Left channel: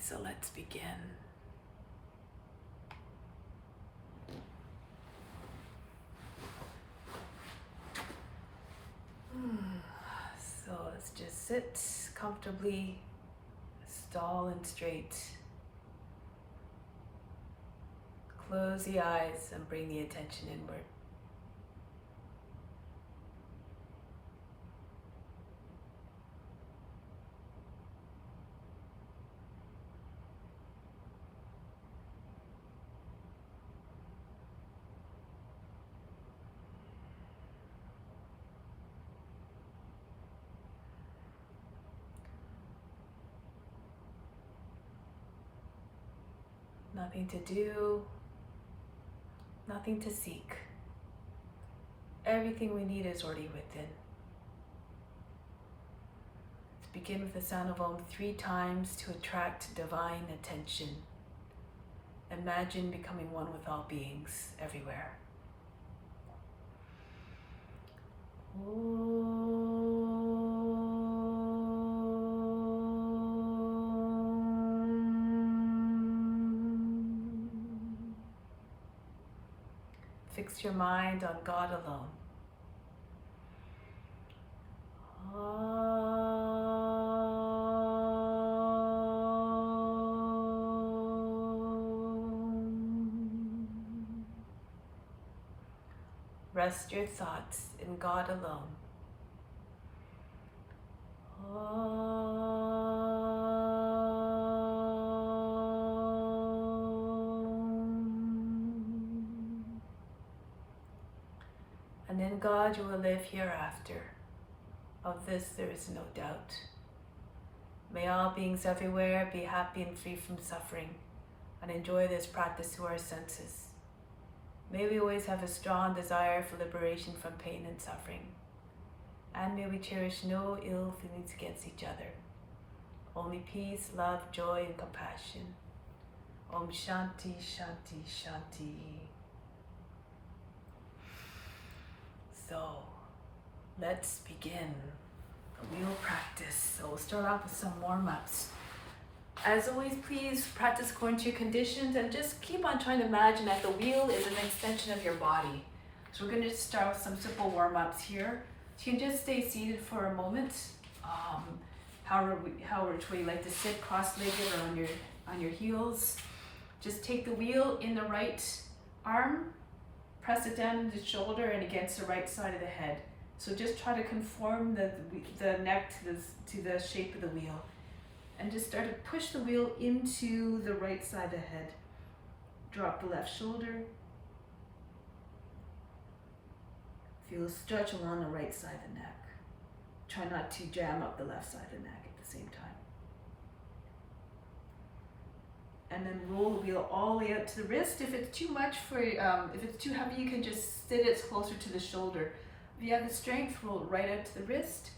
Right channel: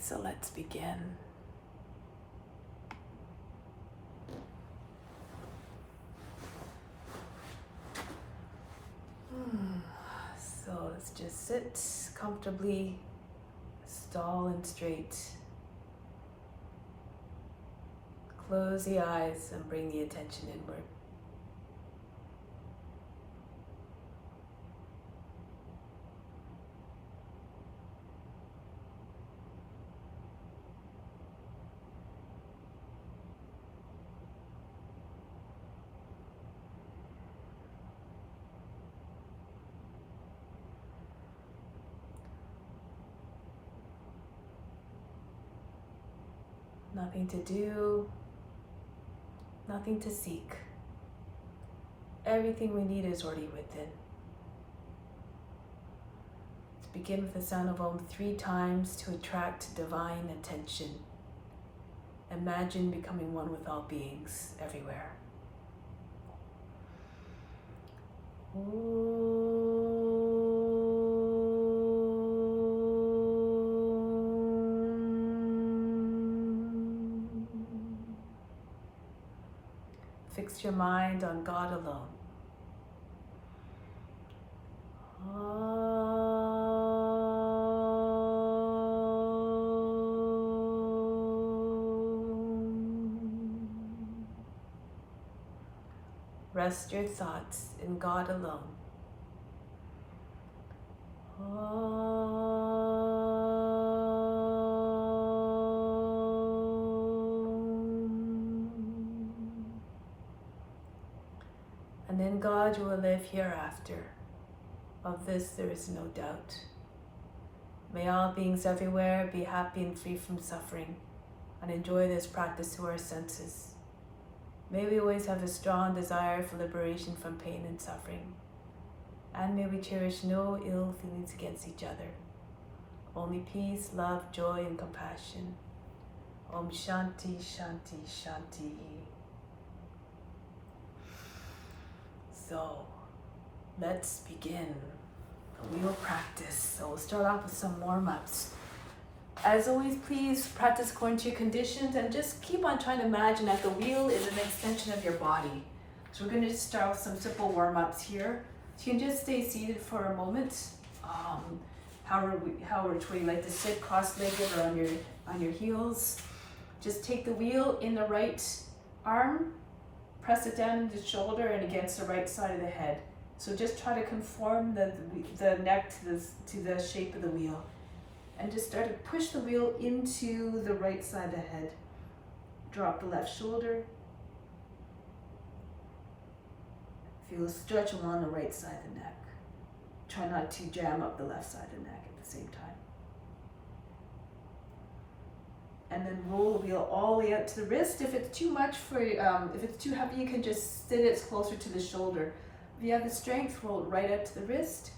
So let's begin. So let's just sit comfortably, tall and straight. Close the eyes and bring the attention inward. Nothing to do, nothing to seek. Everything we need is already within. Let's begin with the sound of Om 3 times to attract divine attention. Imagine becoming one with all beings everywhere. Fix your mind on God alone. Rest your thoughts in God alone. And in God you will live hereafter. Of this there is no doubt. May all beings everywhere be happy and free from suffering, and enjoy this practice through our senses. May we always have a strong desire for liberation from pain and suffering. And may we cherish no ill feelings against each other. Only peace, love, joy, and compassion. Om Shanti, Shanti, Shanti. So, let's begin the wheel practice. So we'll start off with some warm-ups. As always, please practice according to your conditions and just keep on trying to imagine that the wheel is an extension of your body. So we're going to start with some simple warm-ups here. So you can just stay seated for a moment, however which way you like to sit, cross-legged or on your heels. Just take the wheel in the right arm, press it down into the shoulder and against the right side of the head. So just try to conform the neck to the shape of the wheel. And just start to push the wheel into the right side of the head. Drop the left shoulder. Feel a stretch along the right side of the neck. Try not to jam up the left side of the neck at the same time. And then roll the wheel all the way out to the wrist. If it's too much if it's too heavy, you can just sit it closer to the shoulder. If you have the strength, roll it right out to the wrist.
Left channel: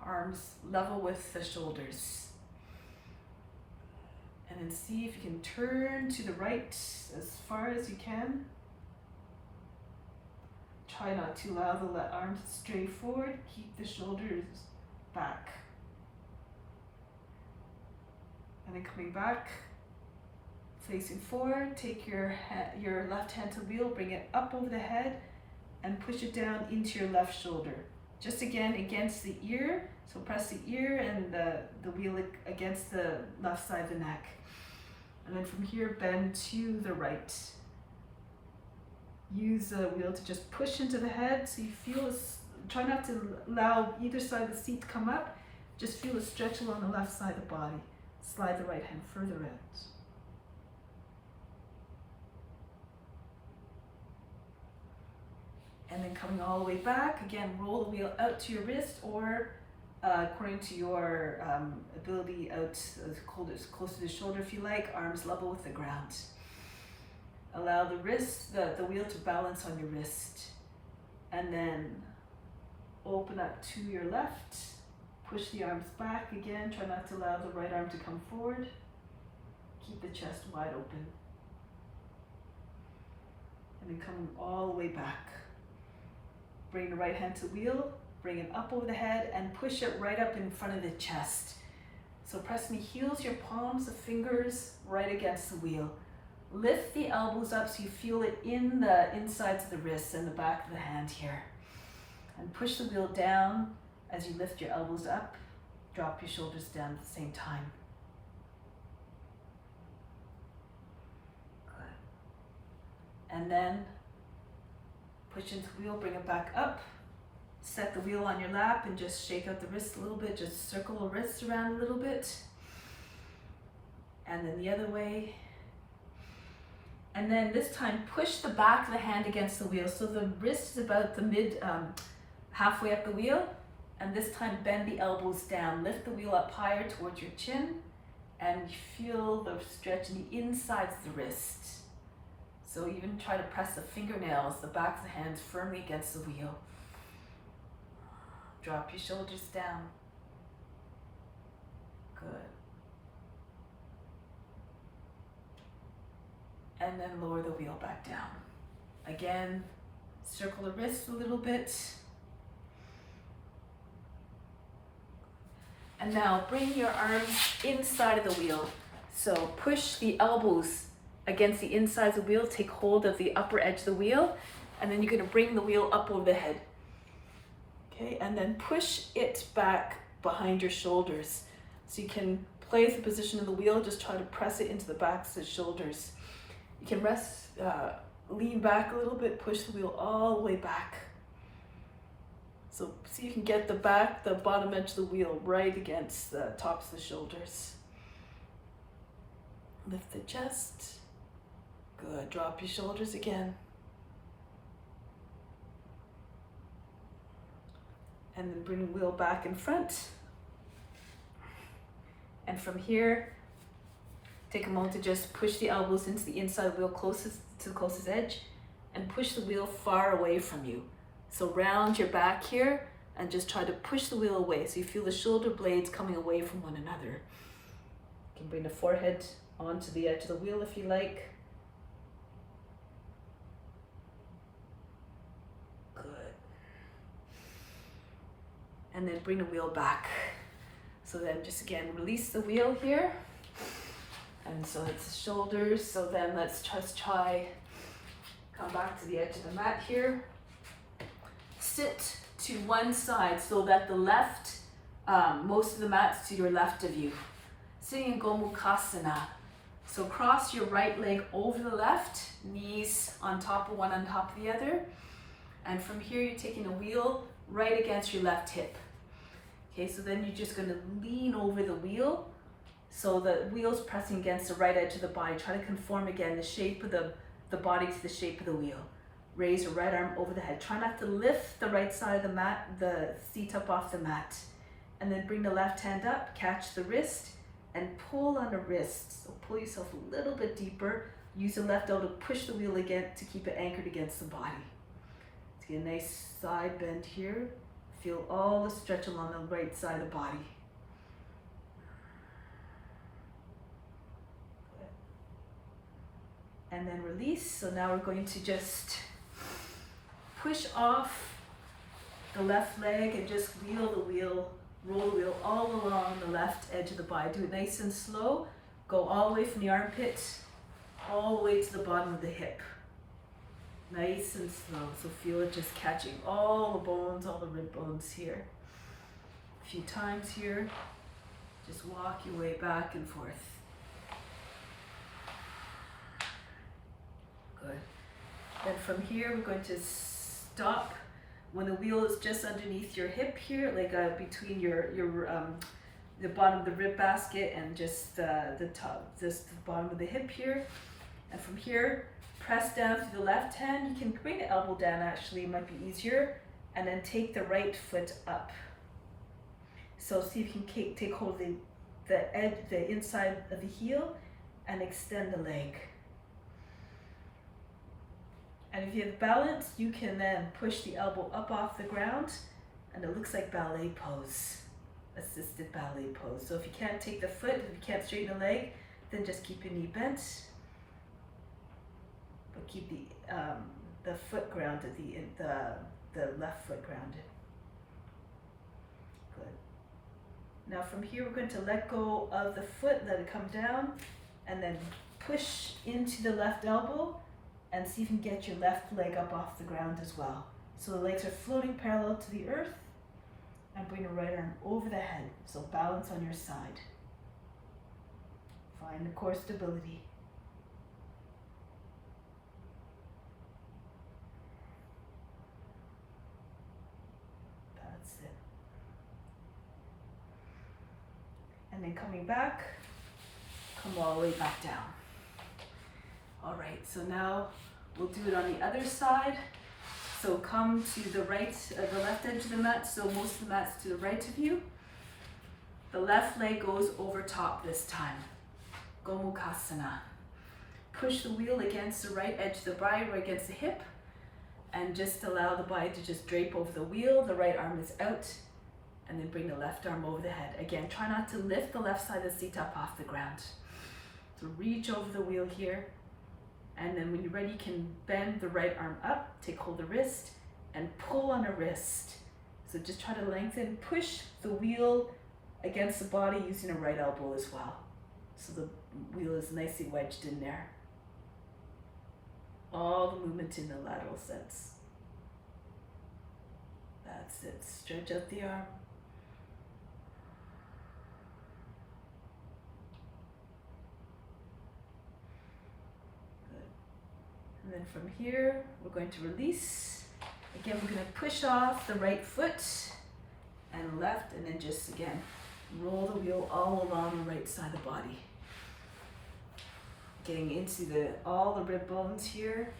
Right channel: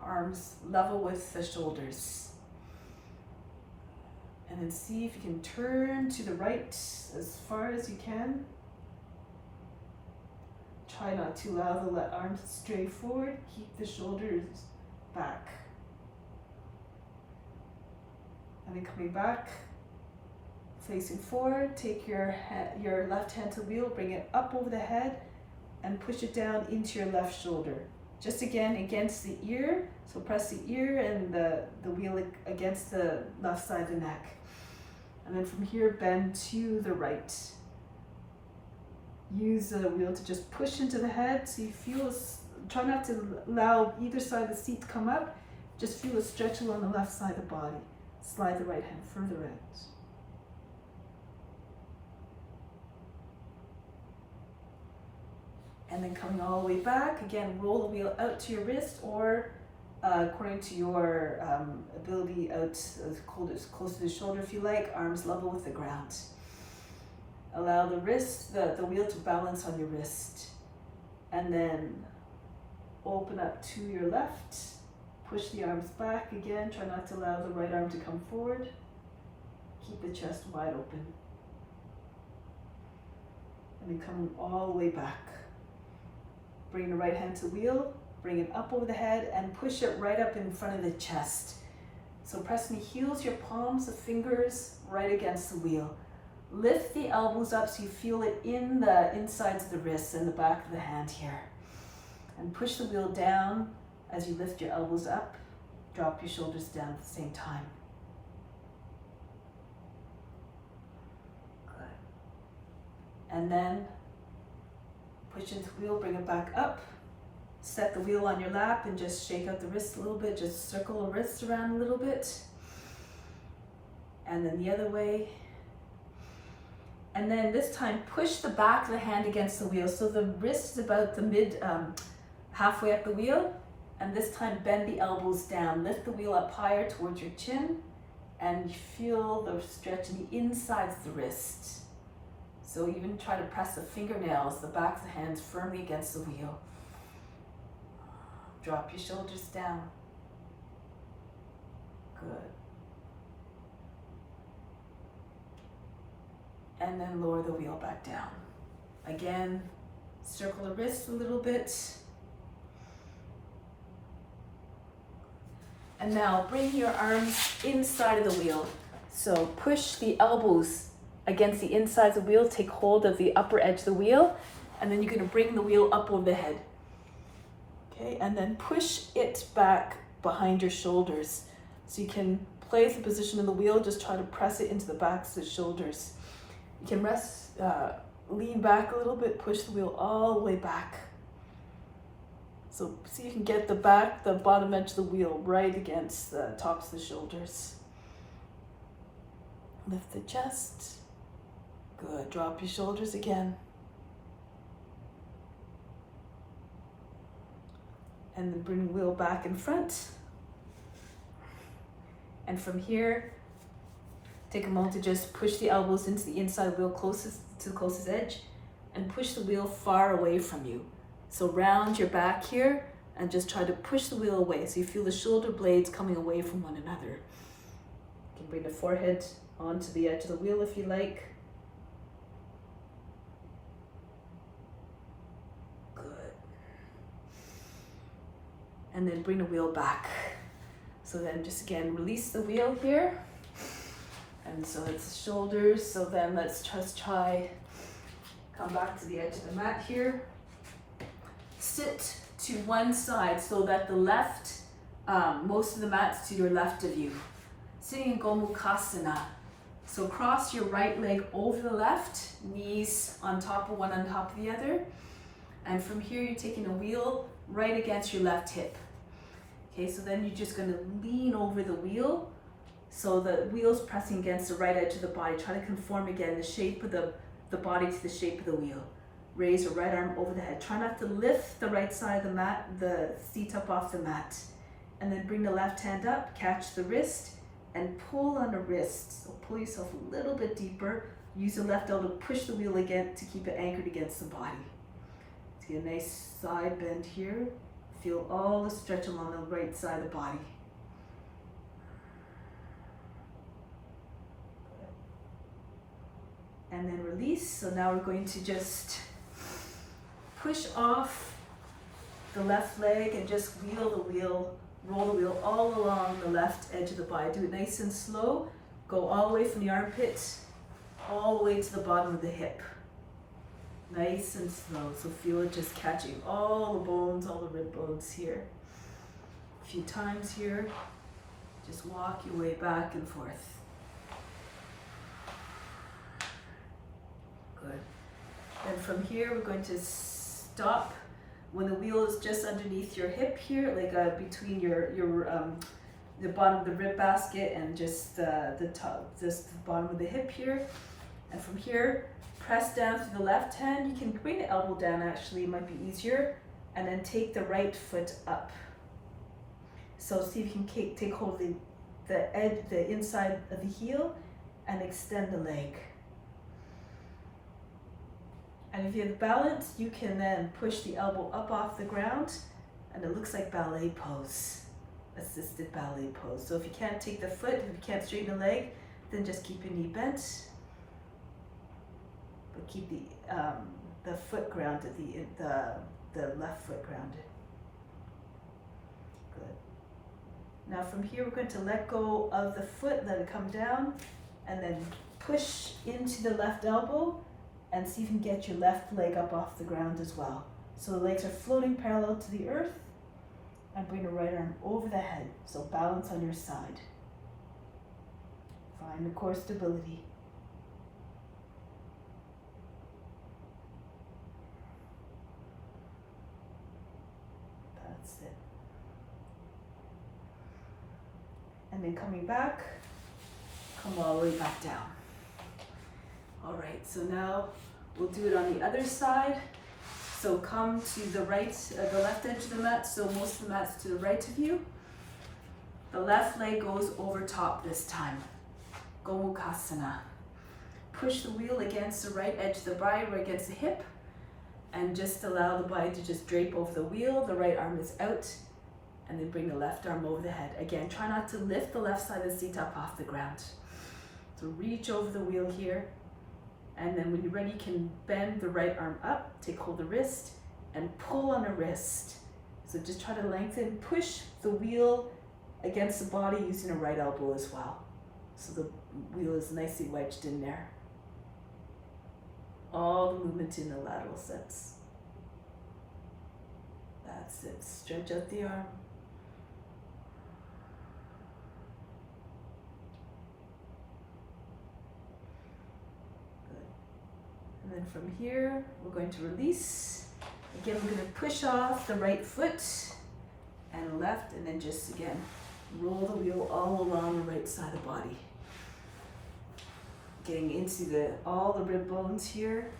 Arms level with the shoulders. And then see if you can turn to the right as far as you can. Try not to allow the arms to stray forward. Keep the shoulders back. And then coming back, facing forward, take your left hand to the wheel, bring it up over the head, and push it down into your left shoulder. Just again against the ear. So press the ear and the wheel against the left side of the neck. And then from here, bend to the right. Use the wheel to just push into the head. So you feel, try not to allow either side of the seat to come up. Just feel a stretch along the left side of the body. Slide the right hand further out. And then coming all the way back, again, roll the wheel out to your wrist or according to your ability, out as close to the shoulder if you like, arms level with the ground. Allow the wrist, the wheel to balance on your wrist. And then open up to your left, push the arms back again, try not to allow the right arm to come forward. Keep the chest wide open. And then come all the way back. Bring the right hand to the wheel, bring it up over the head and push it right up in front of the chest. So pressing the heels, your palms, the fingers right against the wheel. Lift the elbows up so you feel it in the insides of the wrists and the back of the hand here. And push the wheel down as you lift your elbows up. Drop your shoulders down at the same time. Good. And then push into the wheel, bring it back up. Set the wheel on your lap and just shake out the wrists a little bit. Just circle the wrists around a little bit. And then the other way. And then this time, push the back of the hand against the wheel. So the wrist is about the halfway up the wheel. And this time, bend the elbows down. Lift the wheel up higher towards your chin. And feel the stretch in the insides of the wrist. So even try to press the fingernails, the back of the hands firmly against the wheel. Drop your shoulders down. Good. And then lower the wheel back down. Again, circle the wrists a little bit. And now bring your arms inside of the wheel. So push the elbows against the insides of the wheel. Take hold of the upper edge of the wheel. And then you're going to bring the wheel up over the head. Okay, and then push it back behind your shoulders. So you can place the position of the wheel. Just try to press it into the backs of the shoulders. You can lean back a little bit, push the wheel all the way back. So see if you can get the bottom edge of the wheel right against the tops of the shoulders. Lift the chest. Good, drop your shoulders again. And then bring the wheel back in front. And from here, take a moment to just push the elbows into the inside of the wheel closest to the closest edge and push the wheel far away from you. So round your back here and just try to push the wheel away so you feel the shoulder blades coming away from one another. You can bring the forehead onto the edge of the wheel if you like. Good. And then bring the wheel back. So then just again, release the wheel here. And so it's the shoulders. So then let's just try, come back to the edge of the mat here. Sit to one side so that the left, most of the mat's to your left of you. Sitting in Gomukhasana. So cross your right leg over the left, knees on top of one on top of the other. And from here you're taking a wheel right against your left hip. Okay, so then you're just gonna lean over the wheel. So the wheel's pressing against the right edge of the body. Try to conform again the shape of the body to the shape of the wheel. Raise your right arm over the head. Try not to lift the right side of the mat, the seat up off the mat. And then bring the left hand up, catch the wrist, and pull on the wrist. So pull yourself a little bit deeper. Use the left elbow to push the wheel again to keep it anchored against the body. To get a nice side bend here. Feel all the stretch along the right side of the body. And then release. So now we're going to just push off the left leg and just roll the wheel all along the left edge of the body. Do it nice and slow. Go all the way from the armpit, all the way to the bottom of the hip. Nice and slow. So feel it just catching all the bones, all the rib bones here. A few times here. Just walk your way back and forth. Good. Then from here, we're going to stop when the wheel is just underneath your hip here, like between the bottom of the rib basket and just the top, just the bottom of the hip here. And from here, press down to the left hand. You can bring the elbow down, actually, it might be easier. And then take the right foot up. So see if you can take hold of the edge, the inside of the heel, and extend the leg. And if you have balance, you can then push the elbow up off the ground, and it looks like ballet pose, assisted ballet pose. So if you can't take the foot, if you can't straighten the leg, then just keep your knee bent, but keep the foot grounded, the left foot grounded. Good. Now from here, we're going to let go of the foot, let it come down, and then push into the left elbow and see if you can get your left leg up off the ground as well. So the legs are floating parallel to the earth, and bring the right arm over the head. So balance on your side. Find the core stability. That's it. And then coming back, come all the way back down. All right, so now we'll do it on the other side. So come to the right, the left edge of the mat, so most of the mat's to the right of you. The left leg goes over top this time. Gomukhasana. Push the wheel against the right edge of the body or against the hip, and just allow the body to just drape over the wheel. The right arm is out, and then bring the left arm over the head. Again, try not to lift the left side of the seat up off the ground. So reach over the wheel here. And then when you're ready, you can bend the right arm up, take hold of the wrist, and pull on the wrist. So just try to lengthen, push the wheel against the body using a right elbow as well. So the wheel is nicely wedged in there. All the movement in the lateral sense. That's it. Stretch out the arm. And then from here, we're going to release. Again, we're going to push off the right foot and left, and then just again, roll the wheel all along the right side of the body. Getting into all the rib bones here,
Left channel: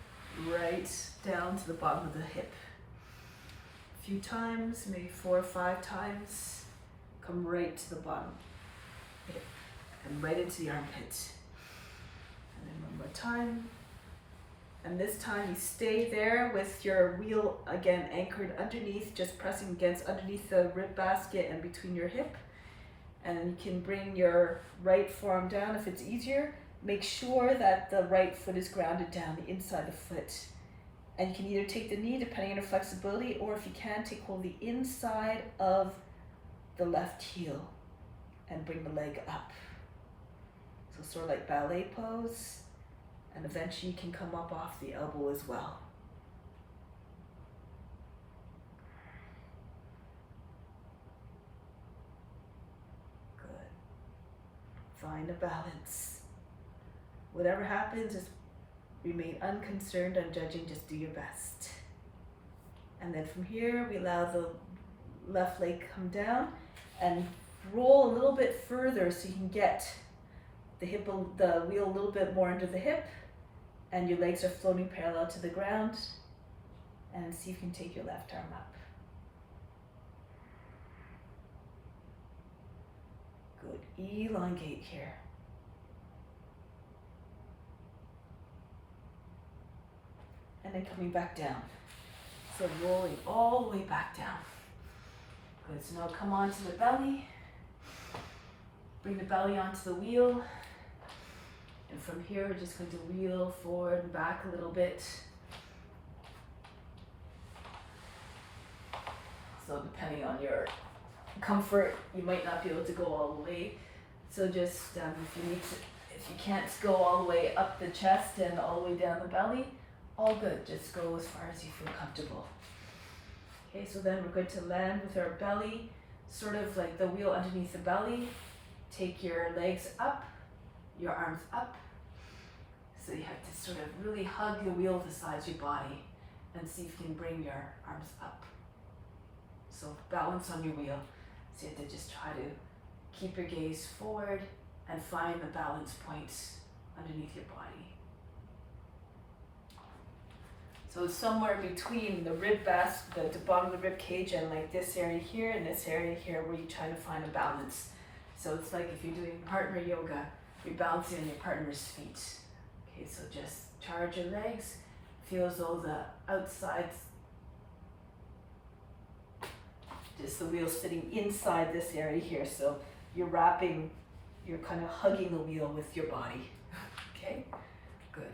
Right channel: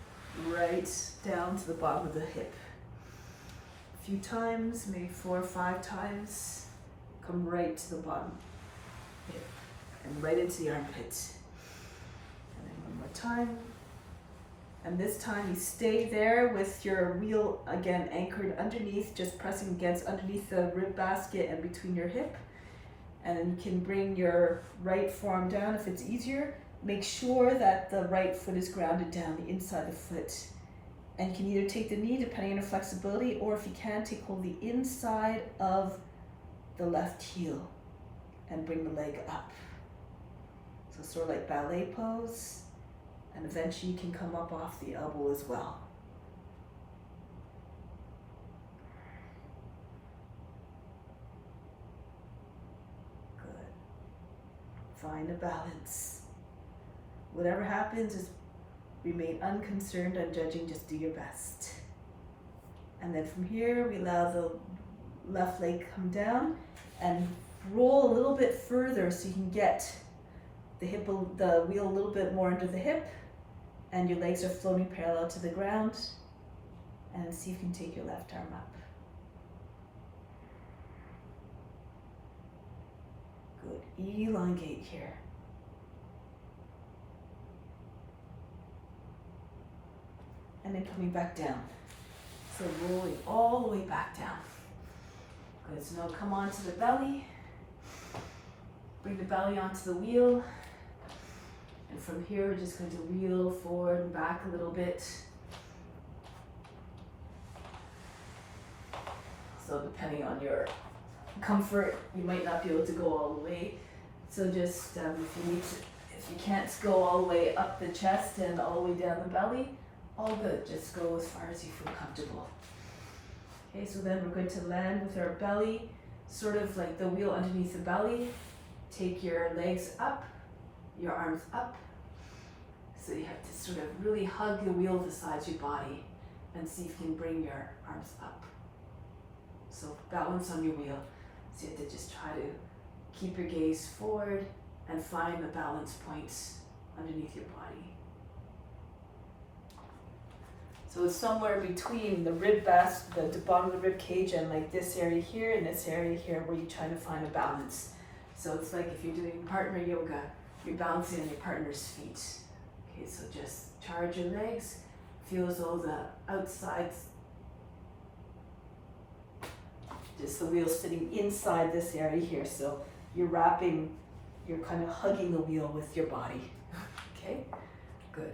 right down to the bottom of the hip. A few times, maybe 4 or 5 times, come right to the bottom hip and right into the armpit. And then one more time. And this time you stay there with your wheel again anchored underneath, just pressing against underneath the rib basket and between your hip. And then you can bring your right forearm down if it's easier. Make sure that the right foot is grounded down, the inside of the foot. And you can either take the knee depending on your flexibility, or if you can, take hold of the inside of the left heel and bring the leg up. So sort of like ballet pose. And eventually you can come up off the elbow as well. Good. Find a balance. Whatever happens, just remain unconcerned, unjudging, just do your best. And then from here, we allow the left leg come down and roll a little bit further so you can get the wheel a little bit more into the hip, and your legs are floating parallel to the ground. And see if you can take your left arm up. Good. Elongate here. And then coming back down. So rolling all the way back down. Good. So now come onto the belly. Bring the belly onto the wheel. And from here, we're just going to wheel forward and back a little bit. So depending on your comfort, you might not be able to go all the way. So just if you can't go all the way up the chest and all the way down the belly, all good. Just go as far as you feel comfortable. Okay, so then we're going to land with our belly, sort of like the wheel underneath the belly. Take your legs up, your arms up. So you have to sort of really hug the wheel to the sides of your body and see if you can bring your arms up. So balance on your wheel. So you have to just try to keep your gaze forward and find the balance points underneath your body. So it's somewhere between the rib the bottom of the rib cage and like this area here and this area here where you're trying to find a balance. So it's like if you're doing partner yoga, you're balancing on your partner's feet. Okay, so just charge your legs. Feel as though the outsides, just the wheel sitting inside this area here. So you're kind of hugging the wheel with your body. Okay, good.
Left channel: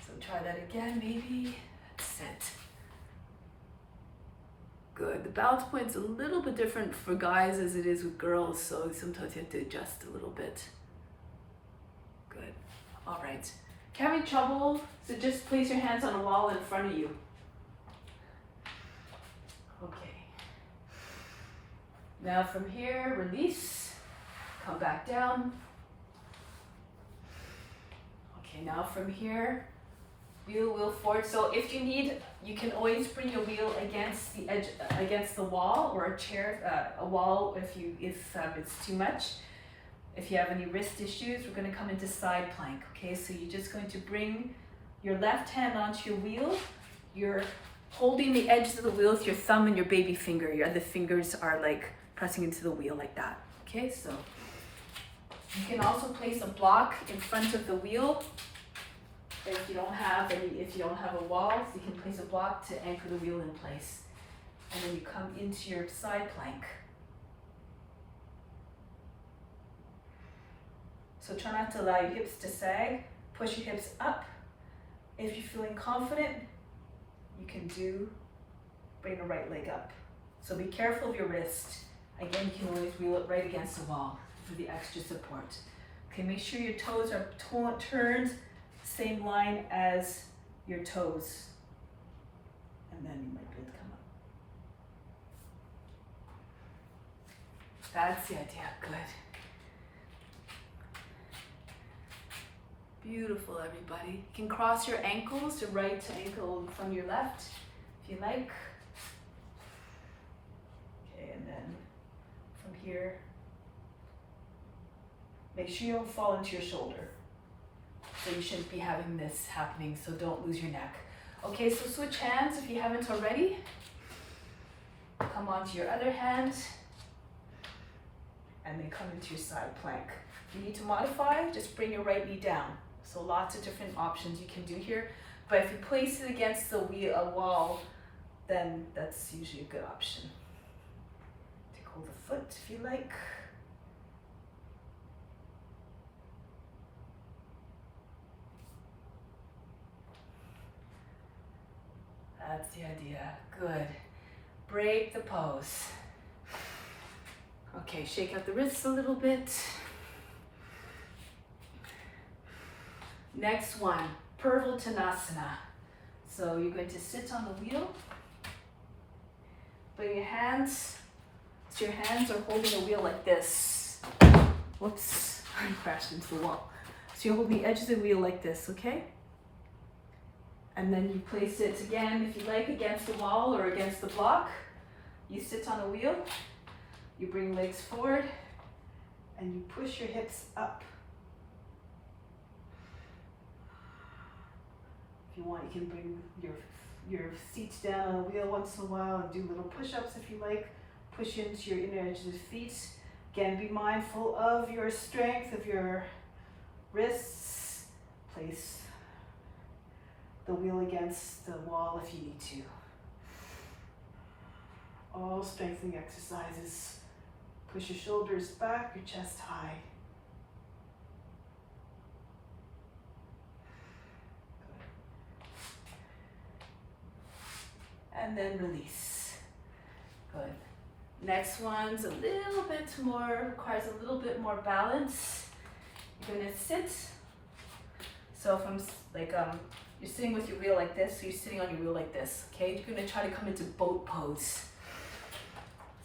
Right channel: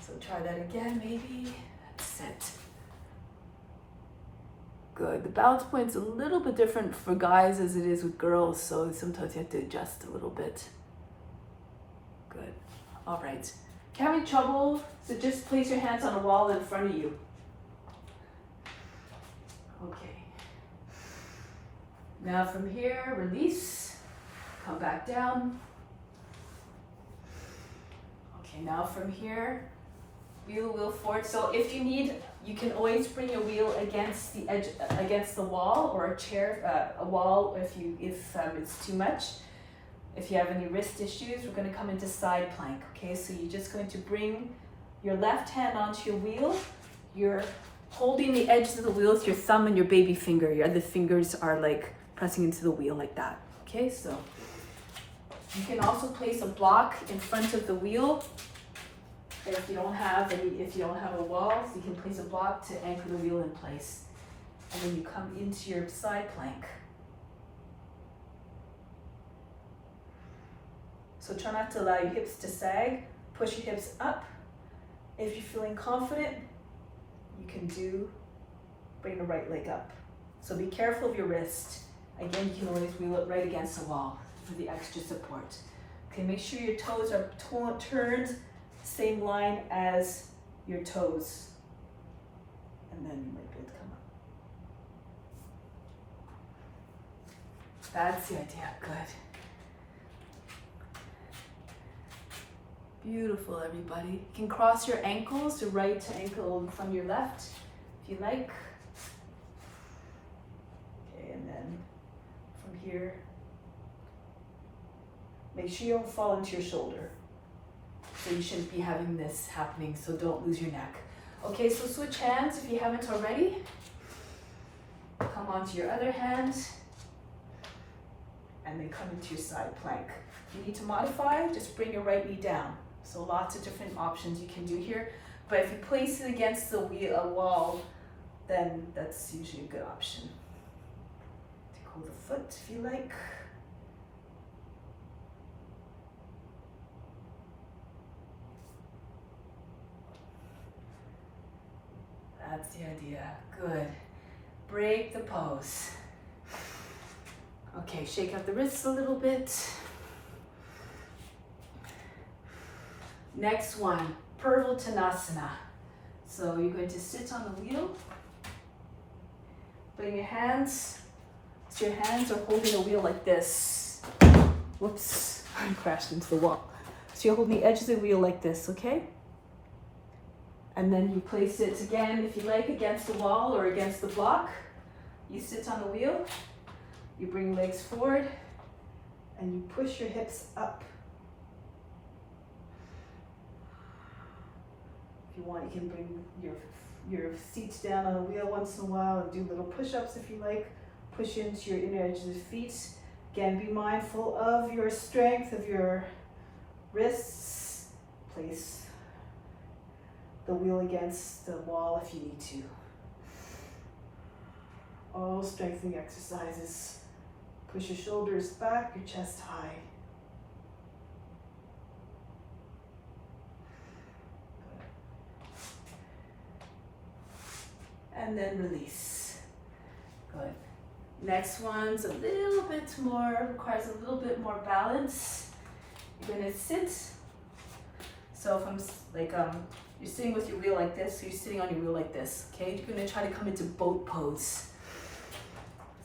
So try that again, maybe. That's it. Good. The balance point's a little bit different for guys as it is with girls, so sometimes you have to adjust a little bit. Good. All right. If you're having trouble, so just place your hands on a wall in front of you. Okay. Now from here, release. Come back down. Okay, now from here, wheel forward. So if you need, you can always bring your wheel against the edge, against the wall or a chair, a wall if it's too much. If you have any wrist issues, we're going to come into side plank. Okay, so you're just going to bring your left hand onto your wheel. You're holding the edge of the wheel with your thumb and your baby finger. Your other fingers are like pressing into the wheel like that. Okay, so you can also place a block in front of the wheel. If you don't have a wall, so you can place a block to anchor the wheel in place. And then you come into your side plank. So try not to allow your hips to sag. Push your hips up. If you're feeling confident, you can bring the right leg up. So be careful of your wrist. Again, you can always wheel it right against the wall for the extra support. Okay, make sure your toes are turned same line as your toes. And then you might be able to come up. That's the idea. Good. Beautiful, everybody. You can cross your ankles, your right ankle from your left, if you like. Okay, and then from here, make sure you don't fall into your shoulder. So you shouldn't be having this happening, so don't lose your neck. Okay, so switch hands if you haven't already. Come onto your other hand, and then come into your side plank. If you need to modify, just bring your right knee down. So lots of different options you can do here. But if you place it against the wall, then that's usually a good option. Take hold of the foot if you like. That's the idea. Good. Break the pose. Okay, shake out the wrists a little bit. Next one, Purvottanasana. So you're going to sit on the wheel. Bring your hands, so your hands are holding the wheel like this. Whoops, I crashed into the wall. So you're holding the edge of the wheel like this, okay? And then you place it again, if you like, against the wall or against the block. You sit on a wheel, you bring legs forward, and you push your hips up. If you want, you can bring your feet down on the wheel once in a while and do little push-ups if you like. Push into your inner edges of the feet. Again, be mindful of your strength, of your wrists. Place the wheel against the wall if you need to. All strengthening exercises. Push your shoulders back, your chest high. And then release. Good. Next one's a little bit more, requires a little bit more balance. You're gonna sit. So if I'm like, you're sitting with your wheel like this, so you're sitting on your wheel like this, okay? You're gonna try to come into boat pose.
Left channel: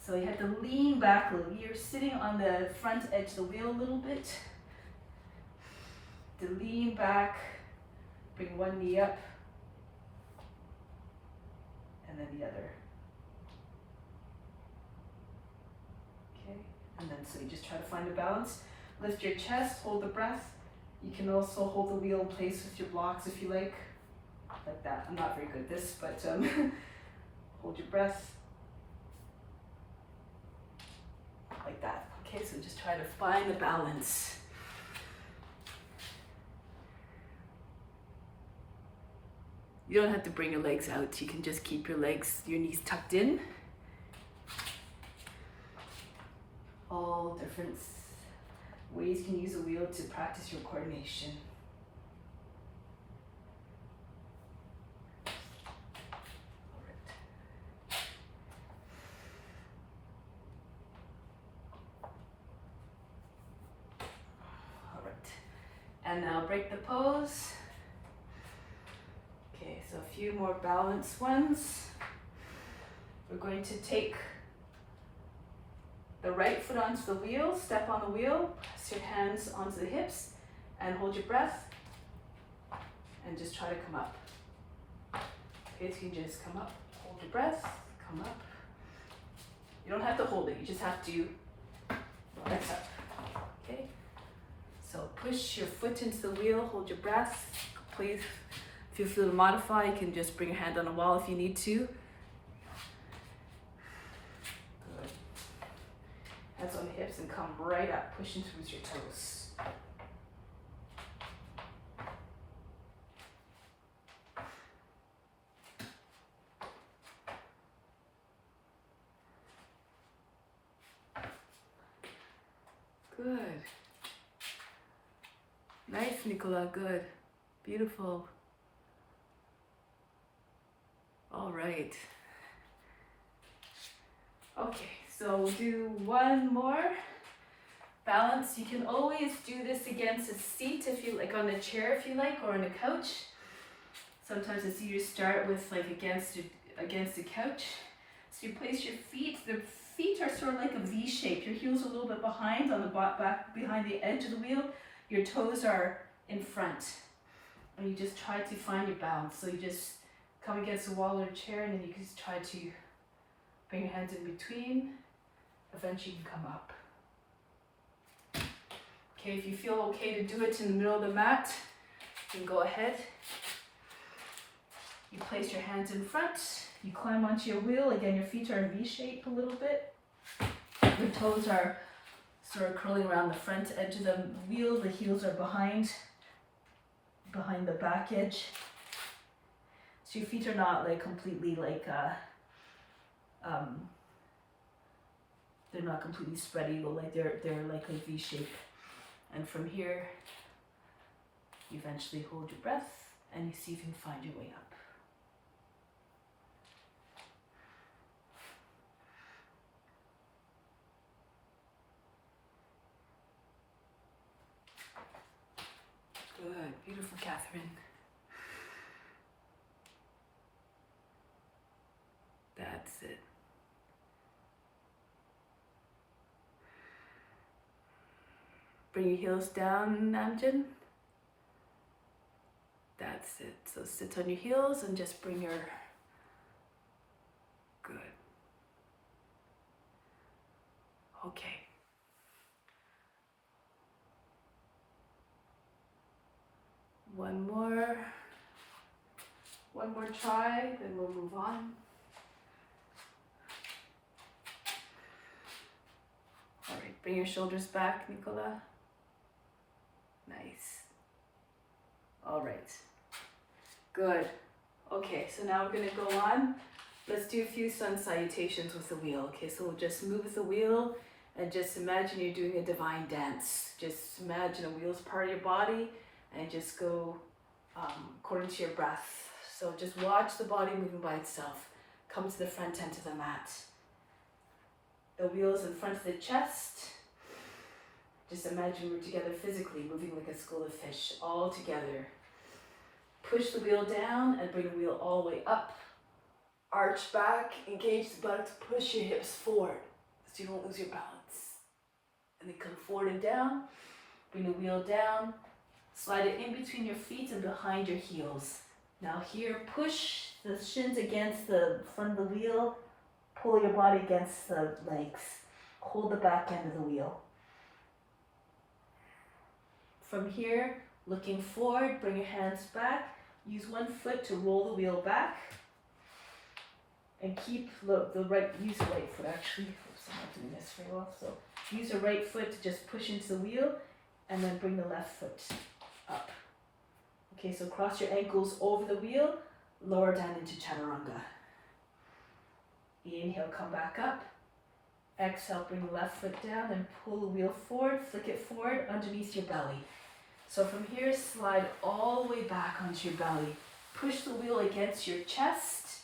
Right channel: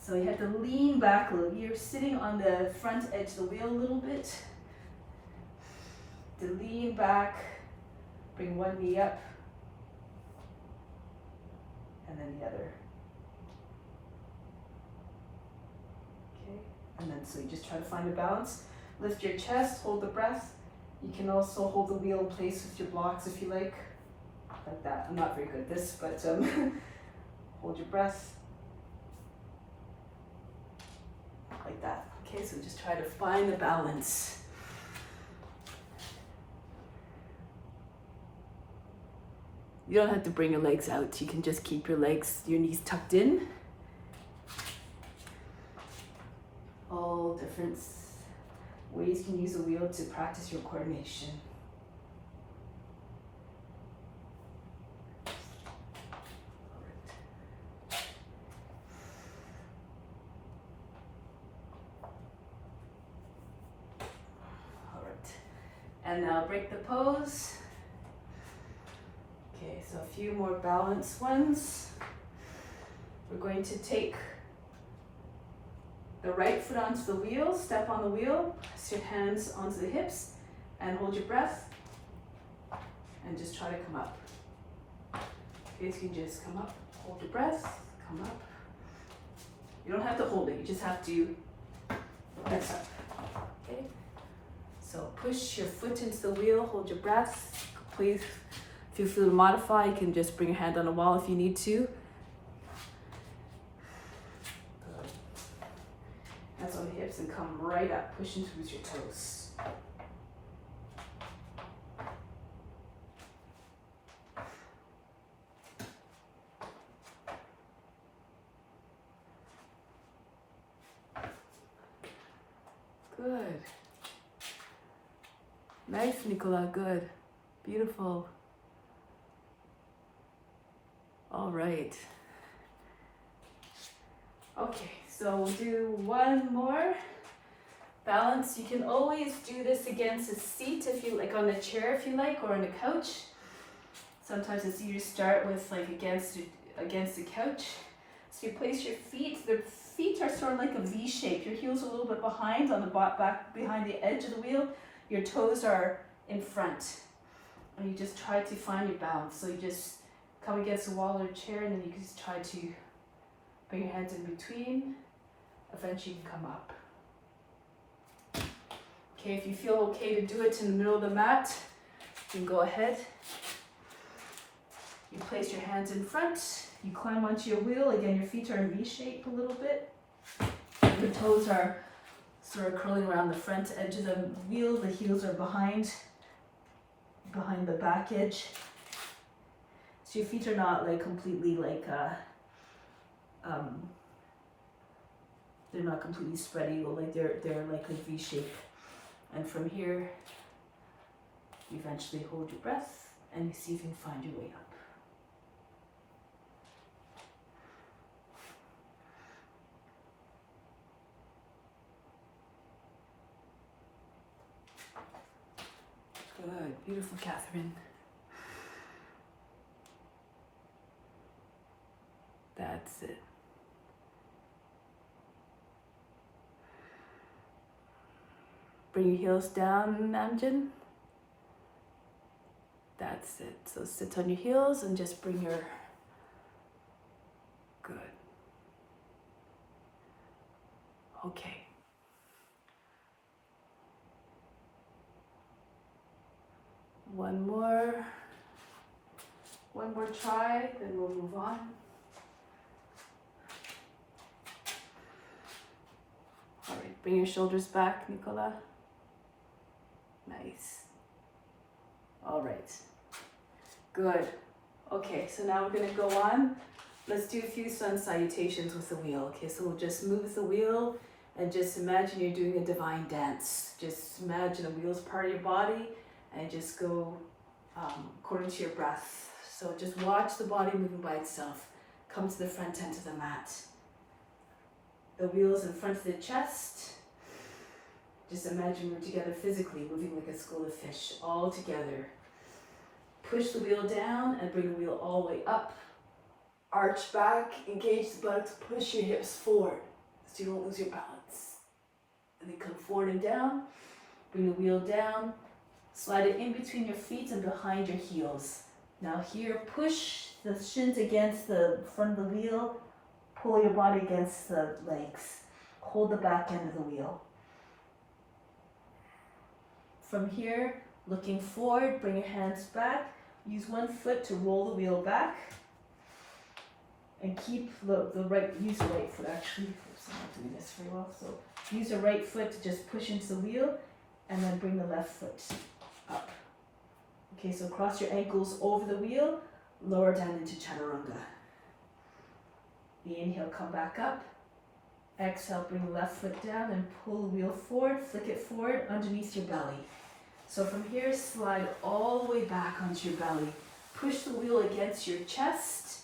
So you have to lean back a little. You're sitting on the front edge of the wheel a little bit. To lean back, bring one knee up, and then the other. Okay, and then so you just try to find a balance. Lift your chest, hold the breath. You can also hold the wheel in place with your blocks if you like that. I'm not very good at this, but hold your breath. Like that. Okay, so just try to find the balance. You don't have to bring your legs out. You can just keep your knees tucked in. All different ways you can use a wheel to practice your coordination. And now break the pose. Okay, so a few more balanced ones. We're going to take the right foot onto the wheel, step on the wheel, press your hands onto the hips, and hold your breath, and just try to come up. Okay, so you can just come up, hold your breath, come up. You don't have to hold it, you just have to press up. Okay, so push your foot into the wheel, hold your breath. Please, if you feel to modify, you can just bring your hand on the wall if you need to. Good. Hands on the hips and come right up, push into with your toes. Good. Nice, Nicola, good. Beautiful. All right. Okay, so we'll do one more. Balance. You can always do this against a seat if you like, on a chair if you like, or on a couch. Sometimes it's easier to start with like against the couch. So you place your feet, the feet are sort of like a V shape. Your heels are a little bit behind on the back behind the edge of the wheel. Your toes are in front. And you just try to find your balance. So you just come against the wall or a chair, and then you can just try to bring your hands in between. Eventually you can come up. Okay, if you feel okay to do it in the middle of the mat, you can go ahead. You place your hands in front. You climb onto your wheel. Again, your feet are in V shape a little bit. Your toes are sort of curling around the front edge of the wheel. The heels are behind the back edge. So your feet are not like completely like, they're not completely spread eagle, like they're like a V shape. And from here, you eventually hold your breath and you see if you can find your way up. Good, beautiful, Catherine. That's it. Bring your heels down, Namjoon. That's it. So sit on your heels and just bring your, good. Okay. One more try, then we'll move on. All right, bring your shoulders back, Nicola. Nice. All right. Good. Okay, so now I'm gonna go on. Let's do a few sun salutations with the wheel. Okay, so we'll just move with the wheel and just imagine you're doing a divine dance. Just imagine a wheel's part of your body and just go according to your breath. So just watch the body moving by itself. Come to the front end of the mat. The wheel is in front of the chest. Just imagine we're together physically, moving like a school of fish, all together. Push the wheel down and bring the wheel all the way up. Arch back, engage the buttocks, push your hips forward so you don't lose your balance. And then come forward and down, bring the wheel down, slide it in between your feet and behind your heels. Now here, push the shins against the front of the wheel, pull your body against the legs, hold the back end of the wheel. From here, looking forward, bring your hands back, use one foot to roll the wheel back, and keep use the right foot actually. Oops, I'm not doing this very well. So use the right foot to just push into the wheel, and then bring the left foot up. Okay, so cross your ankles over the wheel, lower down into chaturanga. Inhale, come back up. Exhale, bring the left foot down and pull the wheel forward, flick it forward underneath your belly. So from here, slide all the way back onto your belly. Push the wheel against your chest.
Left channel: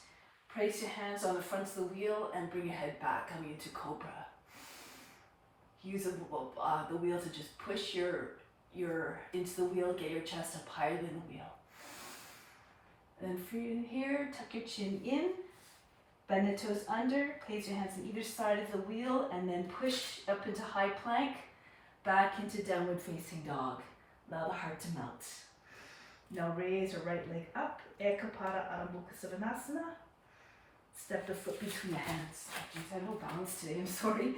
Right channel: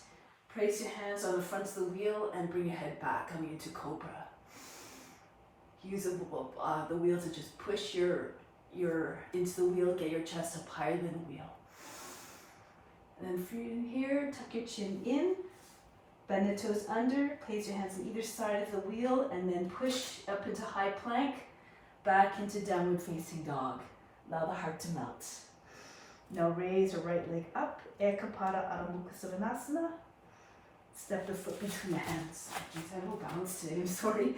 Place your hands on the front of the wheel and bring your head back, coming into cobra. Use the wheel to just push your into the wheel, get your chest up higher than the wheel. And then from here, tuck your chin in, bend the toes under, place your hands on either side of the wheel, and then push up into high plank, back into downward facing dog. Allow the heart to melt. Now raise your right leg up, Ekapada Adho Mukha Savasana. Step the foot between the hands. I have no balance today, I'm sorry.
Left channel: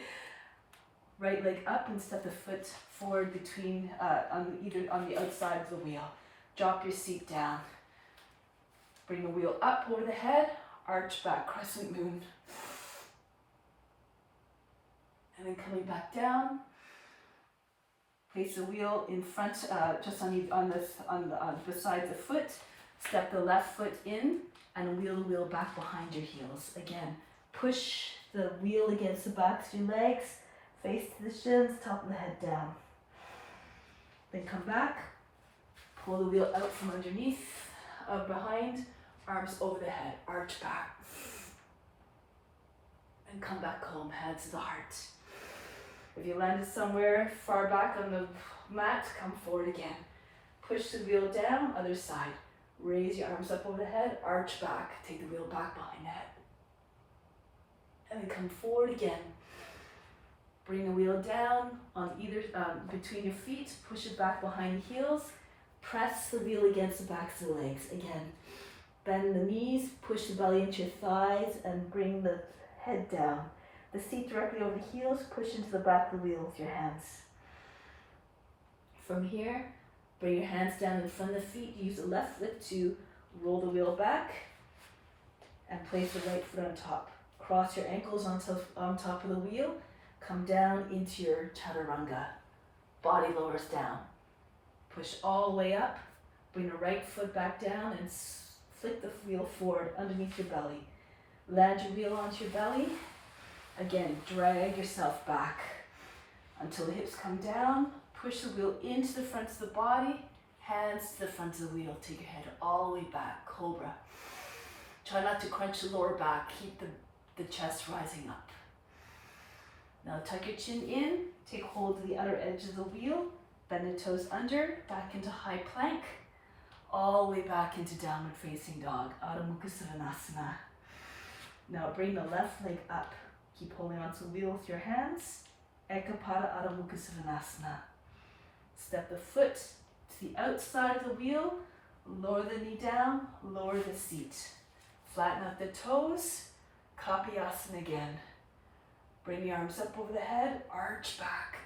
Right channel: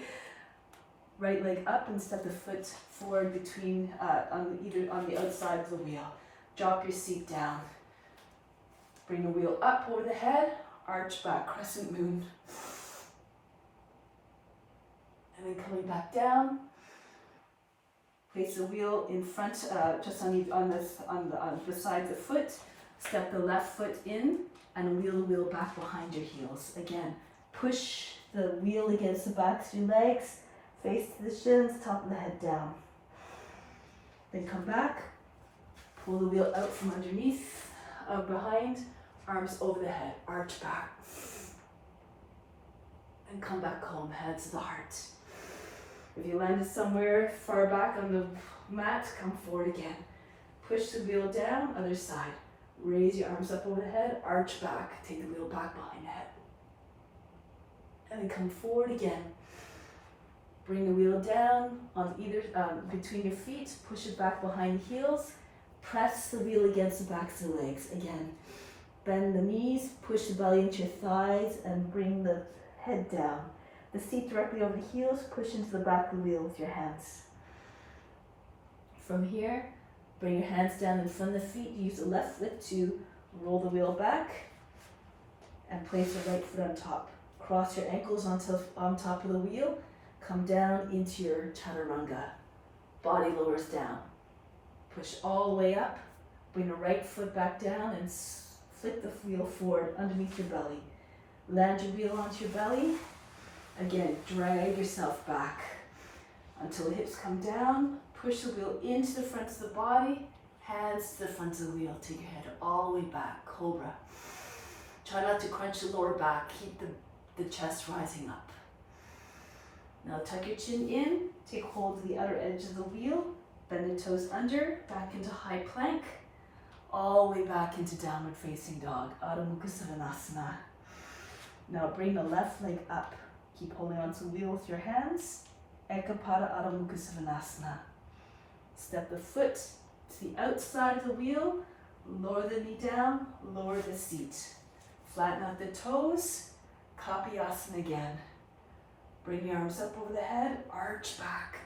Right leg up and step the foot forward between, on the outside of the wheel. Drop your seat down. Bring the wheel up over the head, arch back, crescent moon. And then coming back down, place the wheel in front, just beside the foot. Step the left foot in and wheel the wheel back behind your heels. Again, push the wheel against the backs of your legs, face to the shins, top of the head down. Then come back, pull the wheel out from underneath, behind, arms over the head, arch back. And come back home, hands to the heart. If you landed somewhere far back on the mat, come forward again. Push the wheel down, other side. Raise your arms up over the head, arch back, take the wheel back behind the head. And then come forward again. Bring the wheel down on either between your feet, push it back behind the heels, press the wheel against the backs of the legs. Again, bend the knees, push the belly into your thighs, and bring the head down. The seat directly over the heels, push into the back of the wheel with your hands. From here, bring your hands down in front of the feet. Use the left foot to roll the wheel back and place the right foot on top. Cross your ankles on top of the wheel. Come down into your chaturanga. Body lowers down. Push all the way up. Bring the right foot back down and flick the wheel forward underneath your belly. Land your wheel onto your belly. Again, drag yourself back until the hips come down. Push the wheel into the front of the body. Hands to the front of the wheel. Take your head all the way back. Cobra. Try not to crunch the lower back. Keep the chest rising up. Now tuck your chin in, take hold of the outer edge of the wheel, bend the toes under, back into high plank, all the way back into downward facing dog, Adho Mukha Savasana. Now bring the left leg up, keep holding onto the wheel with your hands, Ekapada Adho Mukha Savasana. Step the foot to the outside of the wheel, lower the knee down, lower the seat. Flatten out the toes, Kapiyasana again. Bring your arms up over the head, arch back.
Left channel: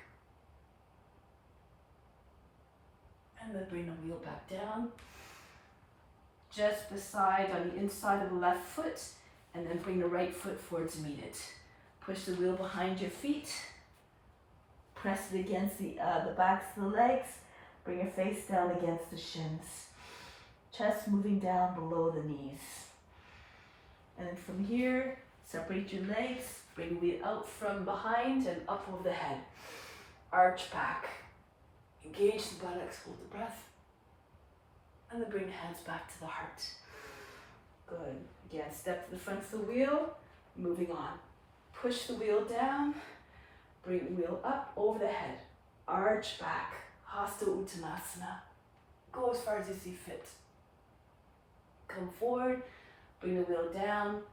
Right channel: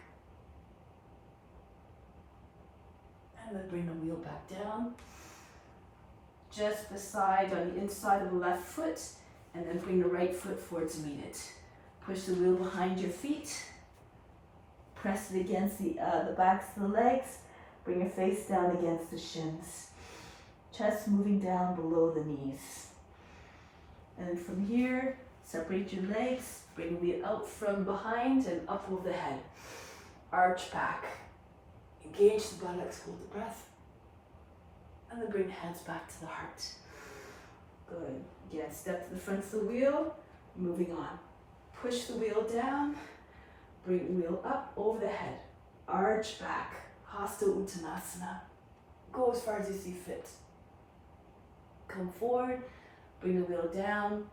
And then bring the wheel back down. Just beside, on the inside of the left foot, and then bring the right foot forward to meet it. Push the wheel behind your feet. Press it against the backs of the legs. Bring your face down against the shins. Chest moving down below the knees. And from here, separate your legs. Bring the wheel out from behind and up over the head. Arch back. Engage the buttocks, hold the breath. And then bring the hands back to the heart. Good. Again, step to the front of the wheel. Moving on. Push the wheel down. Bring the wheel up over the head. Arch back. Hasta Uttanasana. Go as far as you see fit. Come forward. Bring the wheel down.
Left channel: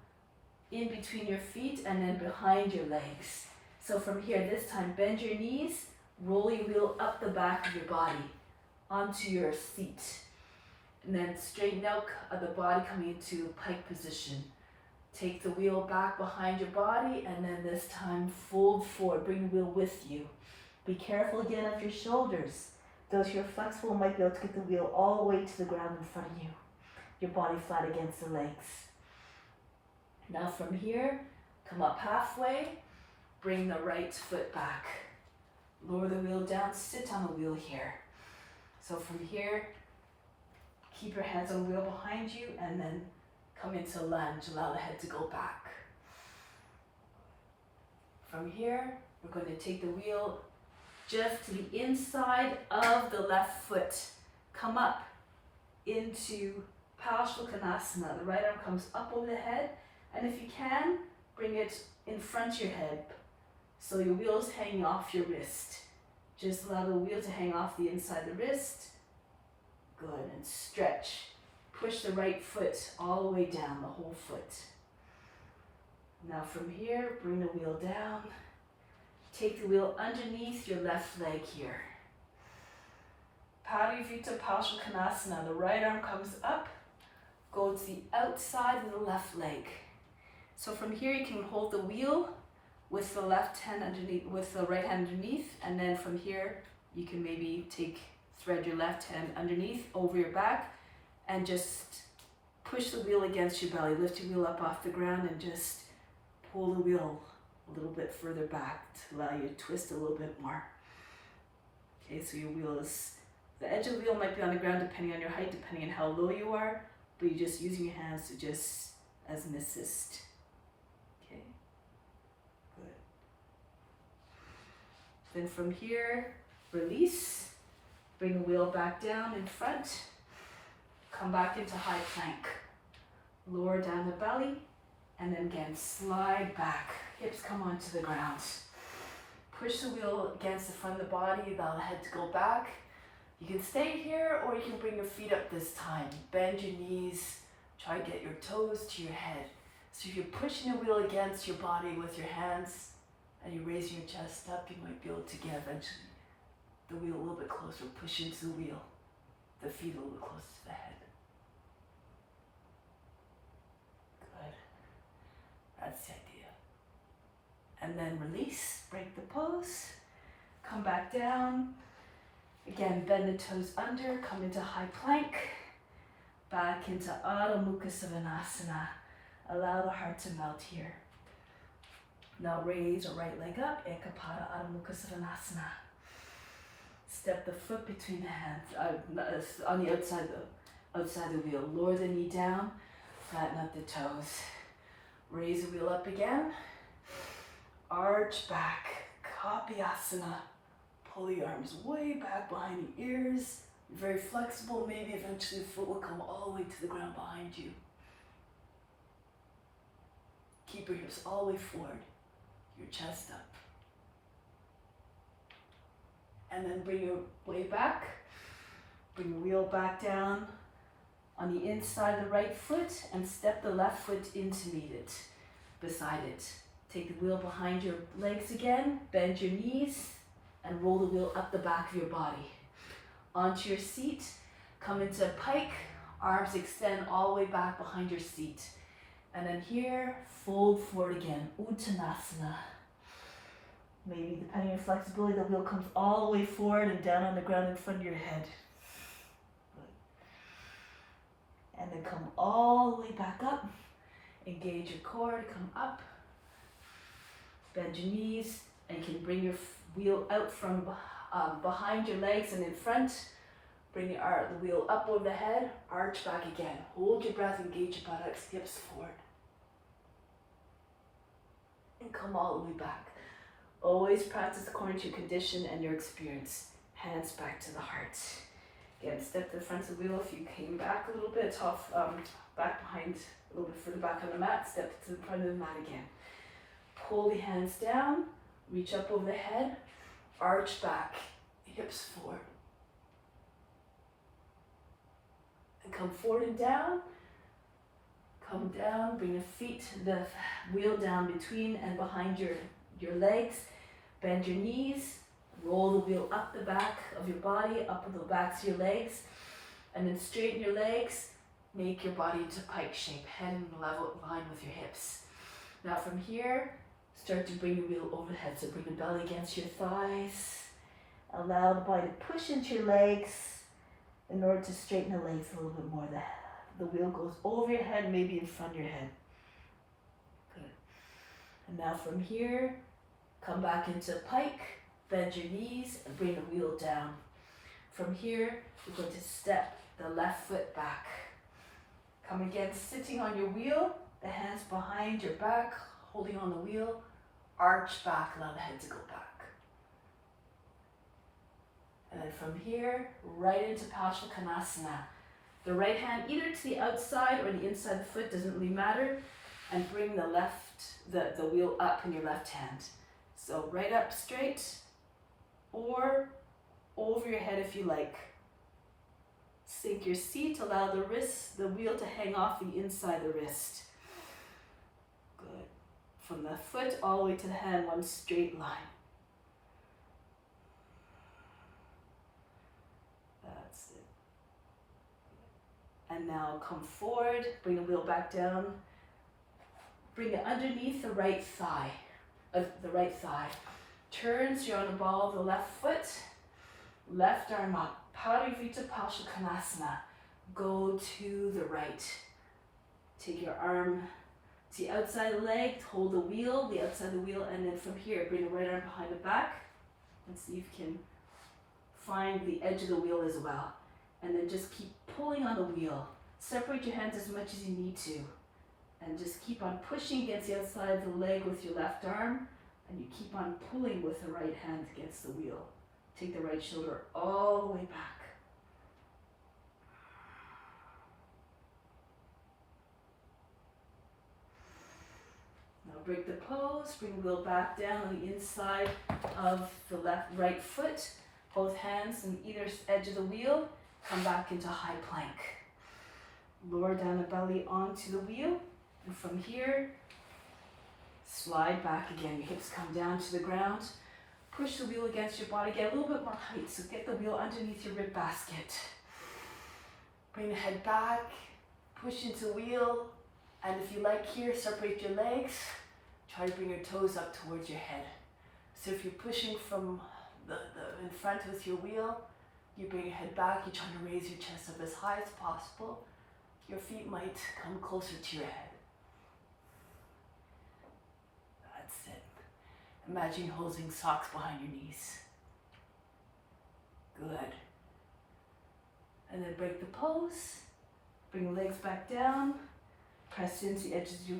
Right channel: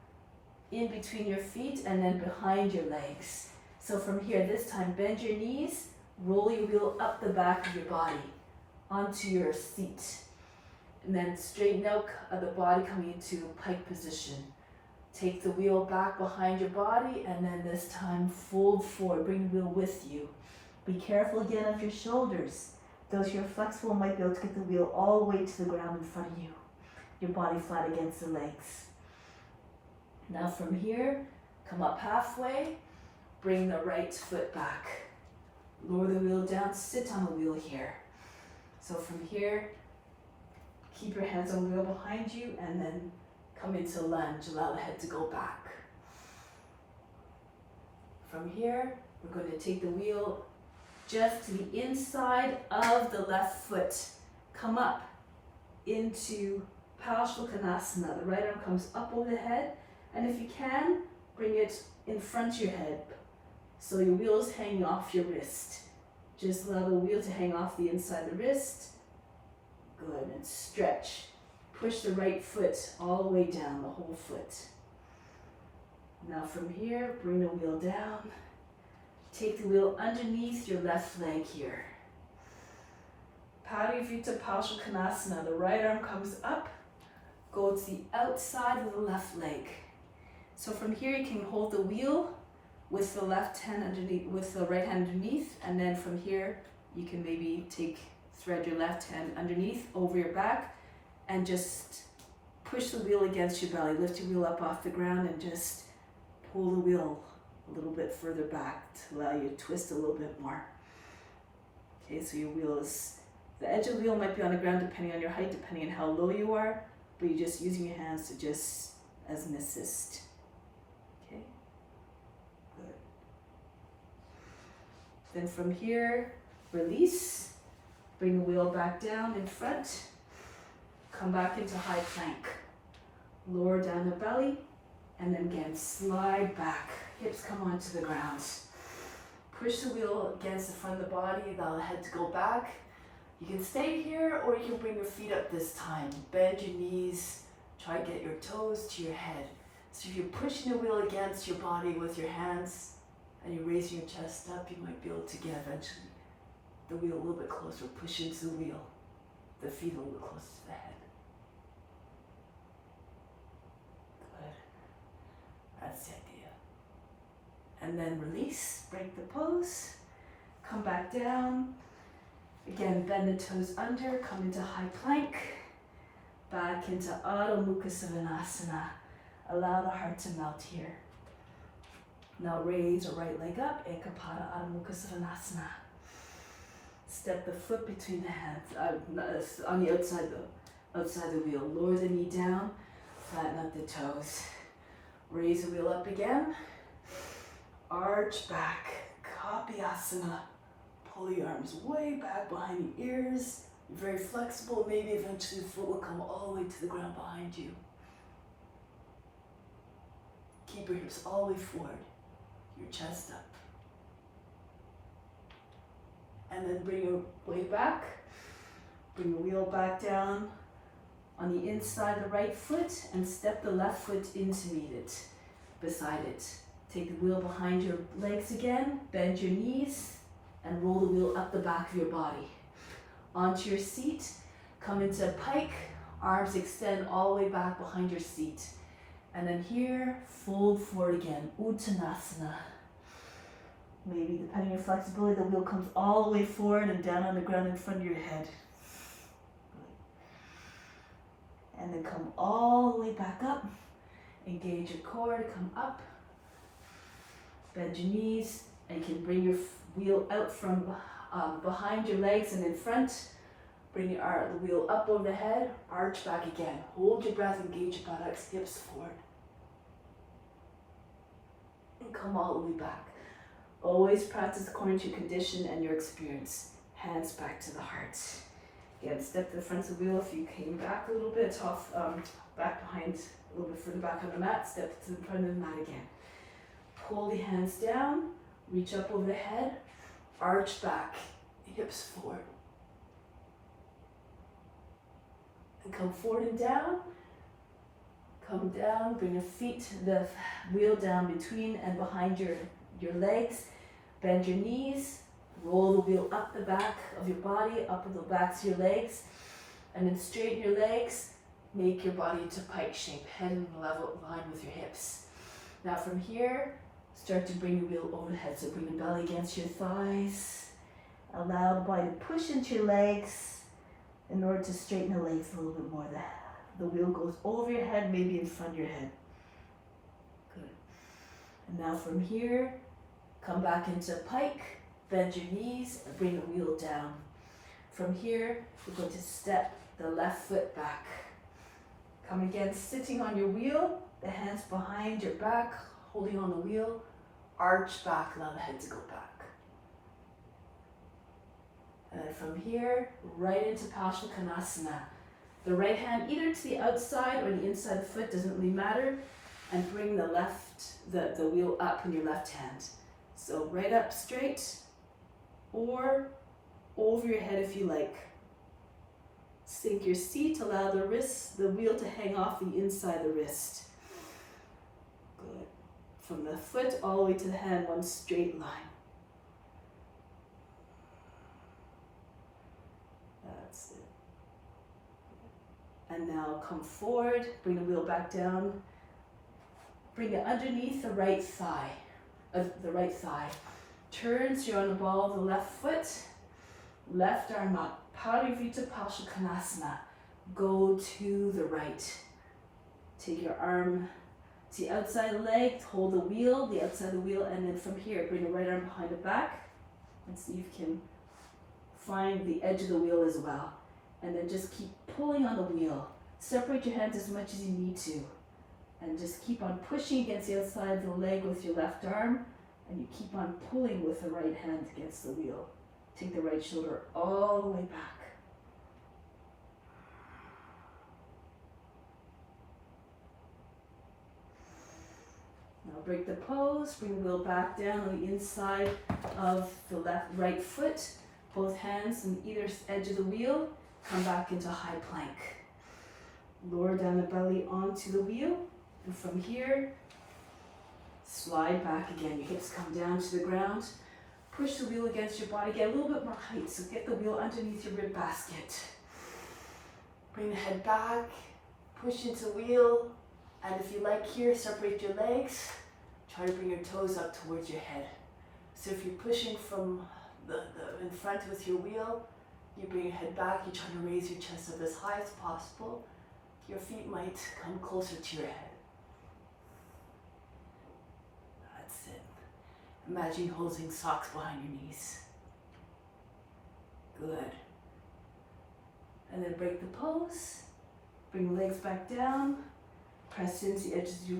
In between your feet and then behind your legs. So from here, this time, bend your knees, roll your wheel up the back of your body onto your seat. And then straighten out the body coming into pike position. Take the wheel back behind your body and then this time fold forward, bring the wheel with you. Be careful again of your shoulders. Those who are flexible might be able to get the wheel all the way to the ground in front of you. Your body flat against the legs. Now from here, come up halfway, bring the right foot back. Lower the wheel down, sit on the wheel here. So from here, keep your hands on the wheel behind you and then come into lunge, allow the head to go back. From here, we're going to take the wheel just to the inside of the left foot. Come up into Parsvakonasana. The right arm comes up over the head. And if you can, bring it in front of your head so your wheel is hanging off your wrist. Just allow the wheel to hang off the inside of the wrist. Good, and stretch. Push the right foot all the way down, the whole foot. Now from here, bring the wheel down. Take the wheel underneath your left leg here. Parivrita Parsvakonasana. The right arm comes up. Go to the outside of the left leg. So from here you can hold the wheel with the left hand underneath, with the right hand underneath, and then from here you can maybe thread your left hand underneath over your back and just push the wheel against your belly. Lift your wheel up off the ground and just pull the wheel a little bit further back to allow you to twist a little bit more. Okay, so your wheel is, the edge of the wheel might be on the ground depending on your height, depending on how low you are, but you're just using your hands to just as an assist. Okay, good. Then from here, release, bring the wheel back down in front, come back into high plank. Lower down the belly, and then again, slide back. Hips come onto the ground. Push the wheel against the front of the body, allow the head to go back. You can stay here or you can bring your feet up this time. Bend your knees, try to get your toes to your head. So if you're pushing the wheel against your body with your hands and you're raising your chest up, you might be able to get eventually the wheel a little bit closer, push into the wheel, the feet a little bit closer to the head. Good. That's the idea. And then release, break the pose, come back down. Again, bend the toes under, come into high plank, back into Adho Mukha Svanasana. Allow the heart to melt here. Now raise your right leg up, Ekapada Adho Mukha Svanasana. Step the foot between the hands, on the outside the wheel. Lower the knee down, flatten up the toes. Raise the wheel up again. Arch back, Kapyasana. Pull the arms way back behind the ears. You're very flexible. Maybe eventually the foot will come all the way to the ground behind you. Keep your hips all the way forward, your chest up. And then bring your way back. Bring the wheel back down on the inside of the right foot and step the left foot in to meet it, beside it. Take the wheel behind your legs again, bend your knees, and roll the wheel up the back of your body. Onto your seat, come into a pike, arms extend all the way back behind your seat. And then here, fold forward again, Uttanasana. Maybe depending on your flexibility, the wheel comes all the way forward and down on the ground in front of your head. Good. And then come all the way back up. Engage your core to come up. Bend your knees, and you can bring your wheel out from behind your legs and in front. Bring the wheel up over the head, arch back again. Hold your breath, engage your buttocks, hips forward. And come all the way back. Always practice according to your condition and your experience. Hands back to the heart. Again, step to the front of the wheel. If you came back a little bit, off, back behind, a little bit further back on the mat, step to the front of the mat again. Pull the hands down, reach up over the head, arch back, hips forward. And come forward and down. Come down, bring your feet, the wheel down between and behind your legs. Bend your knees, roll the wheel up the back of your body, up the backs of your legs, and then straighten your legs. Make your body into pike shape, head in level line with your hips. Now from here, start to bring your wheel over the head. So bring the belly against your thighs. Allow the body to push into your legs in order to straighten the legs a little bit more. The wheel goes over your head, maybe in front of your head. Good. And now from here, come back into pike, bend your knees, and bring the wheel down. From here, we're going to step the left foot back. Come again, sitting on your wheel, the hands behind your back, holding on the wheel, arch back, allow the head to go back. And then from here, right into Parsvakonasana. The right hand either to the outside or the inside of the foot, doesn't really matter, and bring the wheel up in your left hand. So right up straight, or over your head if you like. Sink your seat, allow the wheel to hang off the inside the wrist. Good. From the foot all the way to the hand, one straight line. That's it. And now come forward, bring the wheel back down. Bring it underneath the right thigh. Turn so you're on the ball of the left foot. Left arm up. Parivita Pashukonasana. Go to the right. Take your arm to the outside of the leg. Hold the outside of the wheel, and then from here, bring the right arm behind the back. And see if you can find the edge of the wheel as well. And then just keep pulling on the wheel. Separate your hands as much as you need to. And just keep on pushing against the outside of the leg with your left arm. And you keep on pulling with the right hand against the wheel. Take the right shoulder all the way back. Now break the pose, bring the wheel back down on the inside of the right foot. Both hands on either edge of the wheel. Come back into high plank. Lower down the belly onto the wheel. And from here, slide back again. Your hips come down to the ground. Push the wheel against your body. Get a little bit more height. So get the wheel underneath your rib basket. Bring the head back. Push into the wheel. And if you like here, separate your legs. Try to bring your toes up towards your head. So if you're pushing from the in front with your wheel, you bring your head back. You're trying to raise your chest up as high as possible. Your feet might come closer to your head. That's it. Imagine holding socks behind your knees. Good. And then break the pose. Bring the legs back down. Press into the edges of your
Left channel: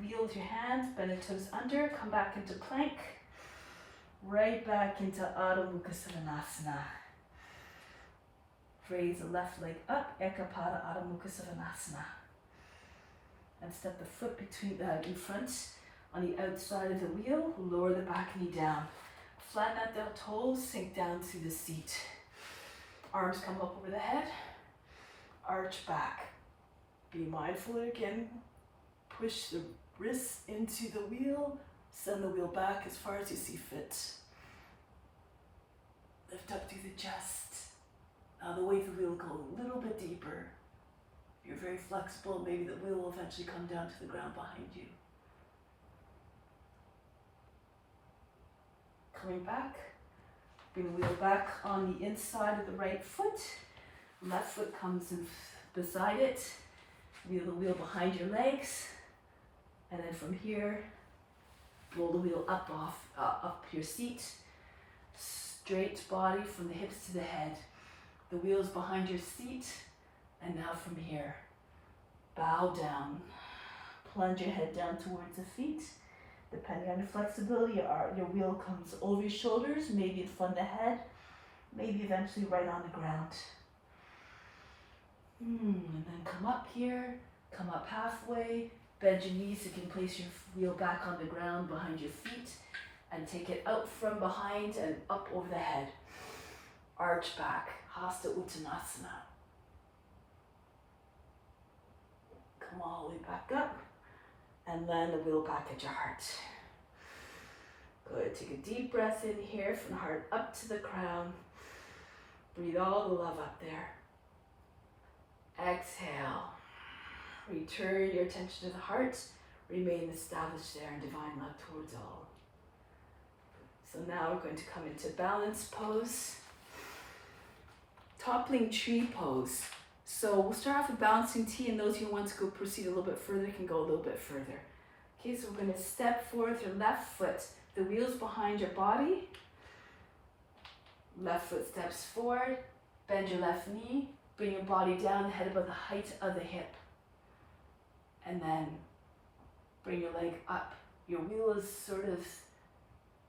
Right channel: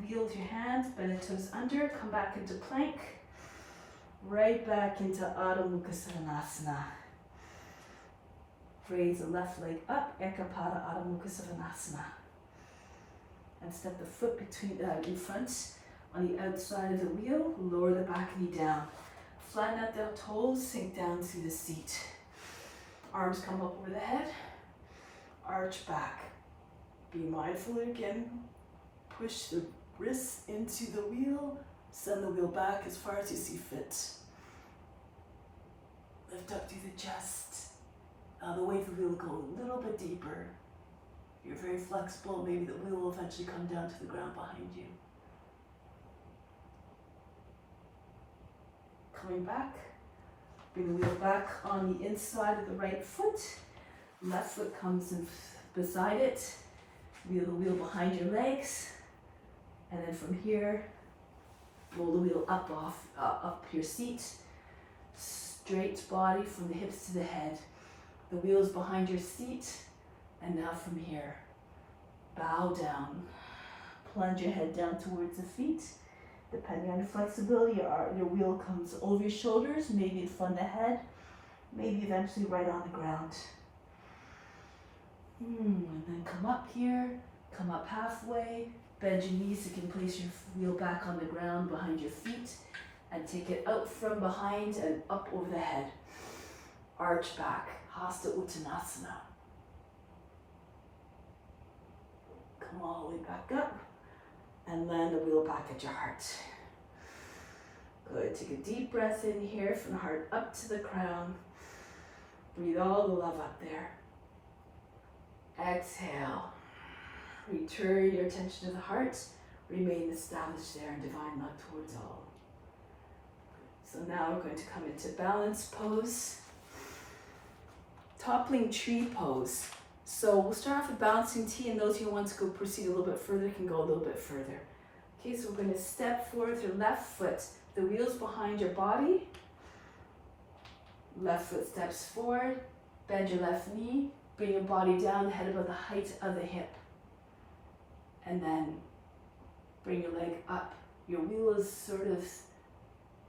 wheel with your hands. Bend the toes under. Come back into plank. Right back into Adho Mukha Svanasana. Raise the left leg up. Ekapada Adho Mukha Svanasana. And step the foot in front on the outside of the wheel. Lower the back knee down. Flatten out the toes. Sink down to the seat. Arms come up over the head. Arch back. Be mindful again. Push the wrists into the wheel. Send the wheel back as far as you see fit. Lift up through the chest. Now the weight of the wheel will go a little bit deeper. You're very flexible. Maybe the wheel will eventually come down to the ground behind you. Coming back. Bring the wheel back on the inside of the right foot. Left foot comes in beside it. Wheel the wheel behind your legs. And then from here, roll the wheel up your seat. Straight body from the hips to the head. The wheel is behind your seat. And now from here, bow down. Plunge your head down towards the feet. Depending on your flexibility, your wheel comes over your shoulders, maybe in front of the head, maybe eventually right on the ground. And then come up here, come up halfway, bend your knees so you can place your wheel back on the ground behind your feet and take it out from behind and up over the head. Arch back, Hasta Uttanasana. Come all the way back up and land the wheel back at your heart. Good, take a deep breath in here from the heart up to the crown. Breathe all the love up there. Exhale. Return your attention to the heart. Remain established there in divine love towards all. So now we're going to come into balance pose. Toppling tree pose. So we'll start off with balancing T, and those who want to go proceed a little bit further can go a little bit further. Okay, so we're going to step forward with your left foot. The wheel's behind your body. Left foot steps forward. Bend your left knee. Bring your body down, head above the height of the hip. And then bring your leg up. Your wheel is sort of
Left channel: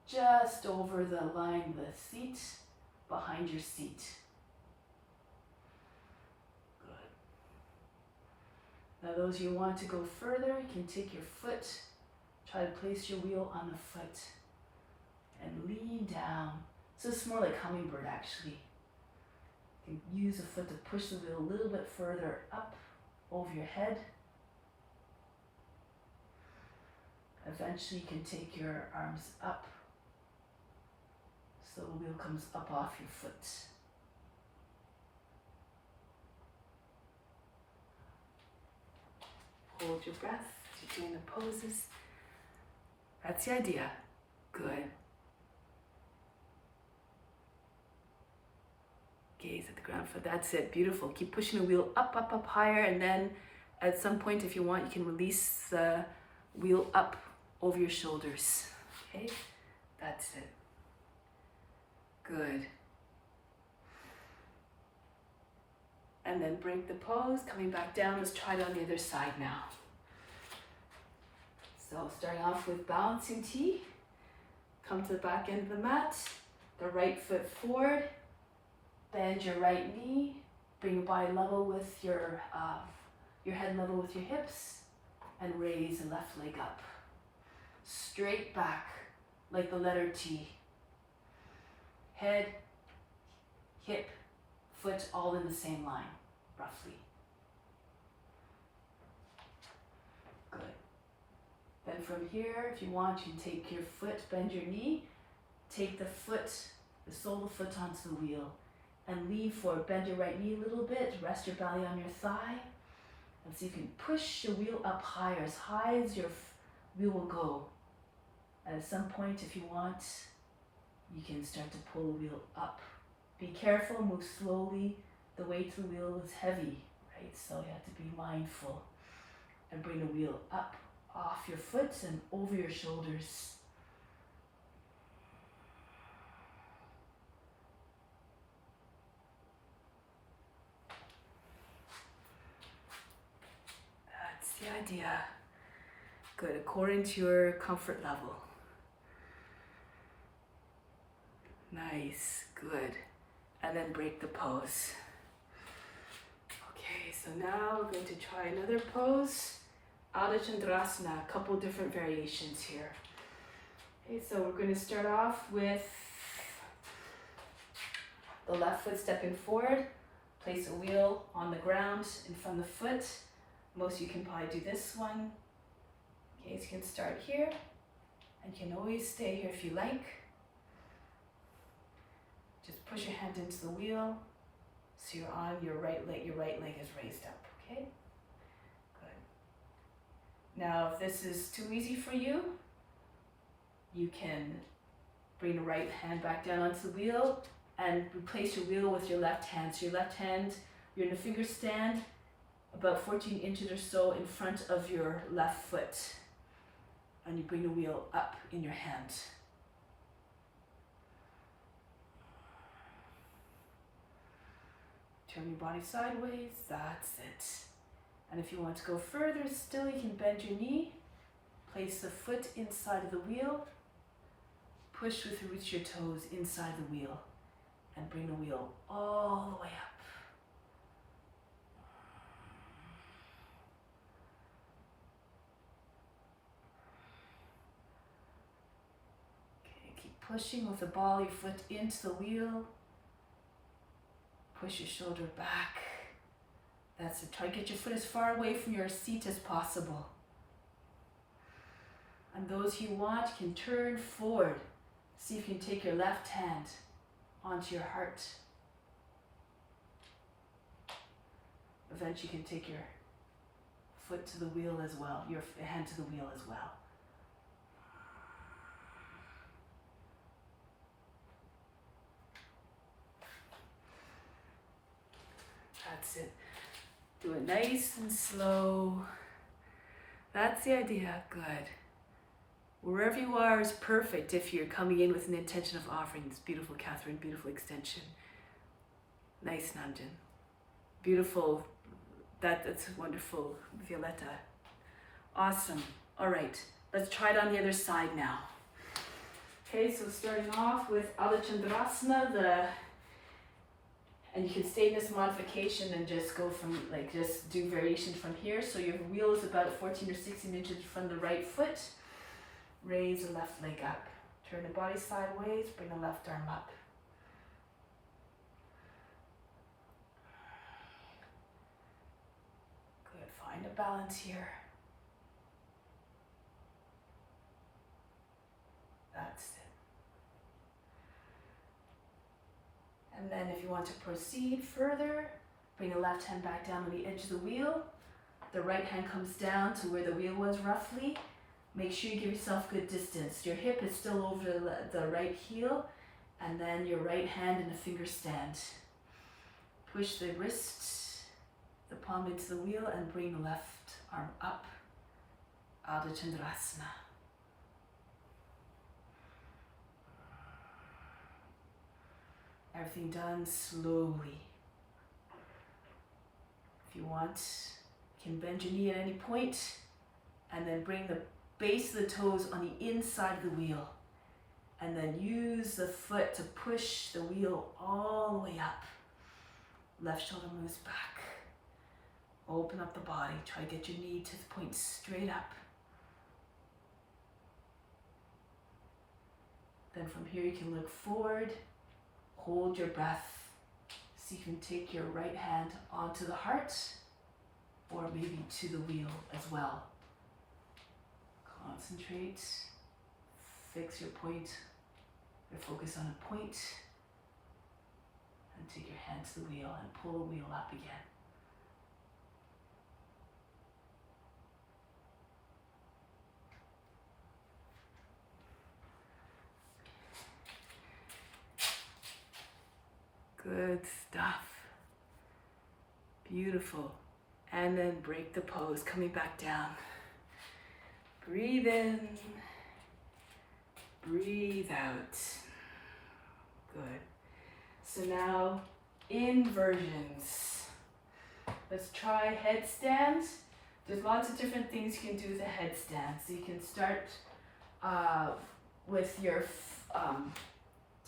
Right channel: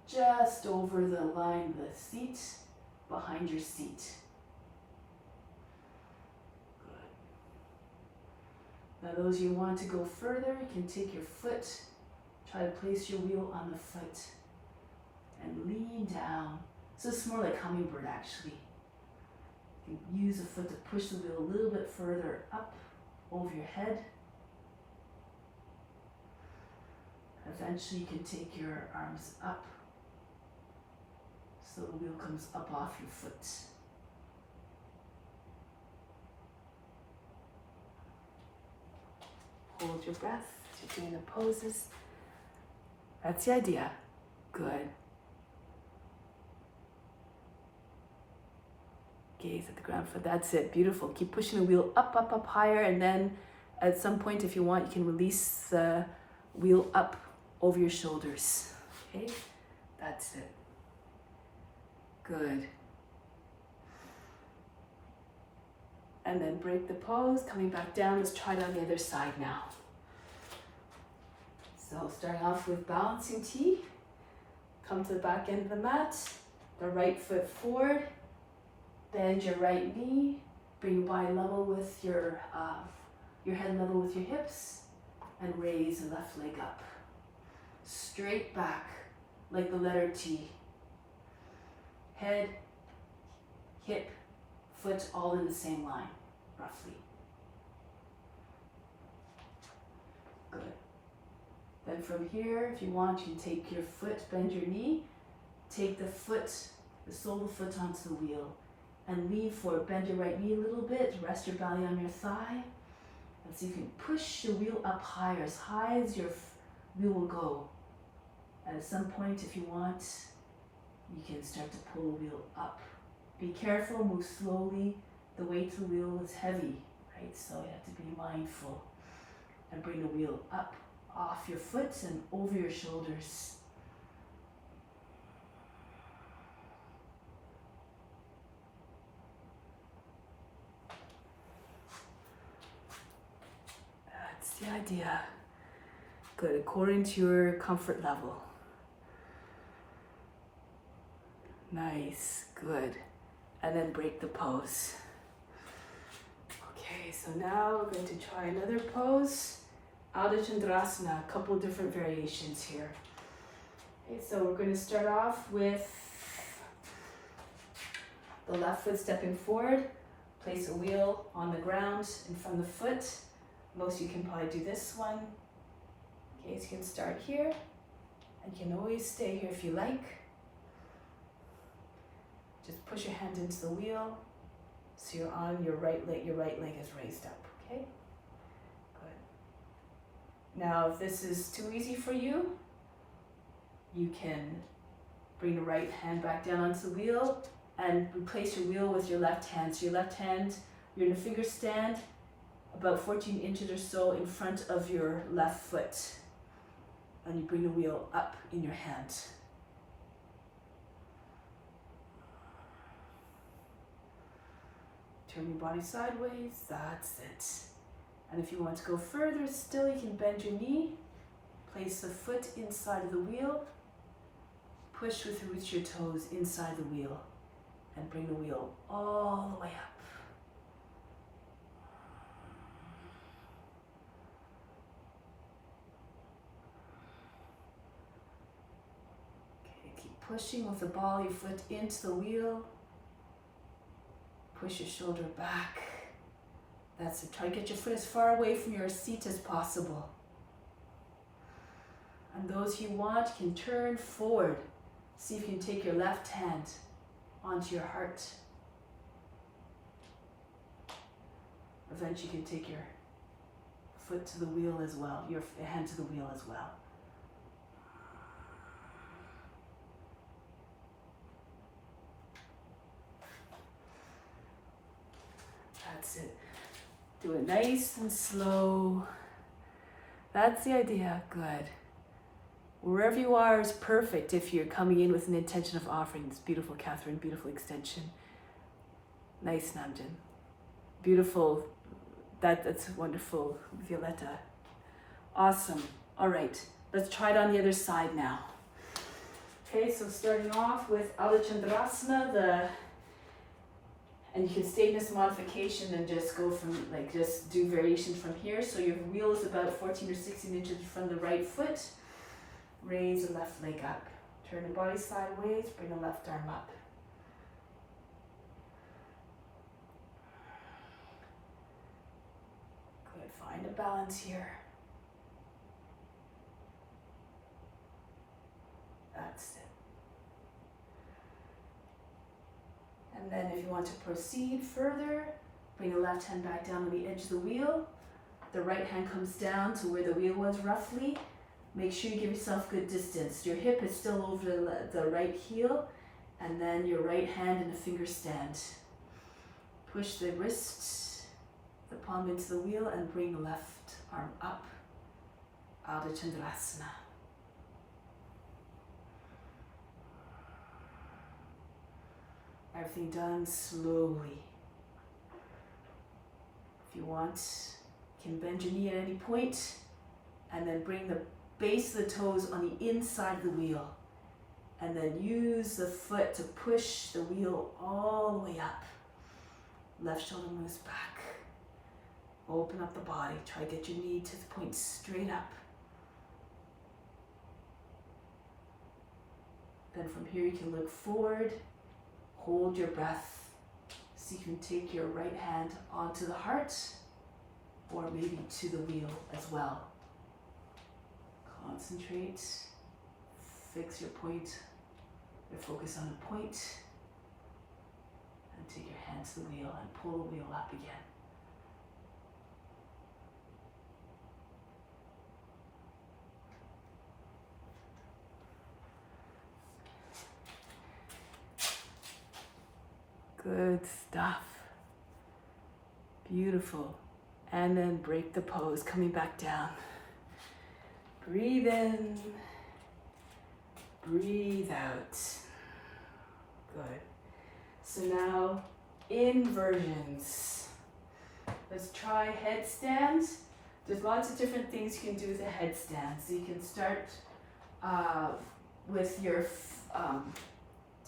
just over the line of the seat, behind your seat. Good. Now those of you who want to go further, you can take your foot, try to place your wheel on the foot, and lean down So it's more like hummingbird actually. You can use the foot to push the wheel a little bit further up over your head. Eventually you can take your arms up so the wheel comes up off your foot. Hold your breath as you're doing the poses. That's the idea. Good. Gaze at the ground foot. That's it. Beautiful. Keep pushing the wheel up, up, up higher, and then at some point, if you want, you can release the wheel up over your shoulders. Okay? That's it. Good. And then break the pose, coming back down. Let's try it on the other side now. So starting off with balancing T. Come to the back end of the mat. The right foot forward. Bend your right knee. Bring your body level with your head level with your hips. And raise the left leg up. Straight back like the letter T. Head, hip, foot all in the same line, roughly. Good. Then from here, if you want, you can take your foot, bend your knee, take the foot, the sole of the foot onto the wheel, and lean forward. Bend your right knee a little bit, rest your belly on your thigh, and so you can push the wheel up higher, as high as your wheel will go. And at some point, if you want, you can start to pull the wheel up. Be careful, move slowly. The weight of the wheel is heavy, right? So you have to be mindful. And bring the wheel up off your foot and over your shoulders. That's the idea. Good, according to your comfort level. Nice, good. And then break the pose. Okay, so now we're going to try another pose. Ardha Chandrasana, a couple different variations here. Okay, so we're going to start off with the left foot stepping forward. Place a wheel on the ground in front of the foot. Most of you can probably do this one. Okay, so you can start here. And you can always stay here if you like. Just push your hand into the wheel, so you're on your right leg is raised up, okay? Good. Now, if this is too easy for you, you can bring the right hand back down onto the wheel and replace your wheel with your left hand. So your left hand, you're in a finger stand, about 14 inches or so in front of your left foot. And you bring the wheel up in your hand. Turn your body sideways, that's it. And if you want to go further still, you can bend your knee, place the foot inside of the wheel, push with the roots of your toes inside the wheel, and bring the wheel all the way up. Okay, keep pushing with the ball of your foot into the wheel. Push your shoulder back. That's it. Try to get your foot as far away from your seat as possible. And those who want can turn forward. See if you can take your left hand onto your heart. Eventually you can take your foot to the wheel as well, your hand to the wheel as well. That's it. Do it nice and slow. That's the idea. Good. Wherever you are is perfect if you're coming in with an intention of offering. It's beautiful, Catherine. Beautiful extension. Nice, Nanjan. Beautiful. That's wonderful, Violetta. Awesome. All right. Let's try it on the other side now. Okay, so starting off with Ardha Chandrasana, and you can stay in this modification and just go from, just do variations from here. So your wheel is about 14 or 16 inches from the right foot. Raise the left leg up. Turn the body sideways, bring the left arm up. Find a balance here. That's it. And then if you want to proceed further, bring the left hand back down on the edge of the wheel. The right hand comes down to where the wheel was roughly. Make sure you give yourself good distance. Your hip is still over the right heel, and then your right hand in a finger stand. Push the wrist, the palm into the wheel, and bring the left arm up. Ardha Chandrasana. Everything done slowly. If you want, you can bend your knee at any point, and then bring the base of the toes on the inside of the wheel. And then use the foot to push the wheel all the way up. Left shoulder moves back. Open up the body. Try to get your knee to the point straight up. Then from here you can look forward. Hold your breath. So you can take your right hand onto the heart, or maybe to the wheel as well. Concentrate, fix your point, or focus on a point, and take your hand to the wheel and pull the wheel up again. Good stuff. Beautiful. And then break the pose, coming back down. Breathe in, breathe out. Good. So now, inversions. Let's try headstands. There's lots of different things you can do with a headstand. So you can start with your,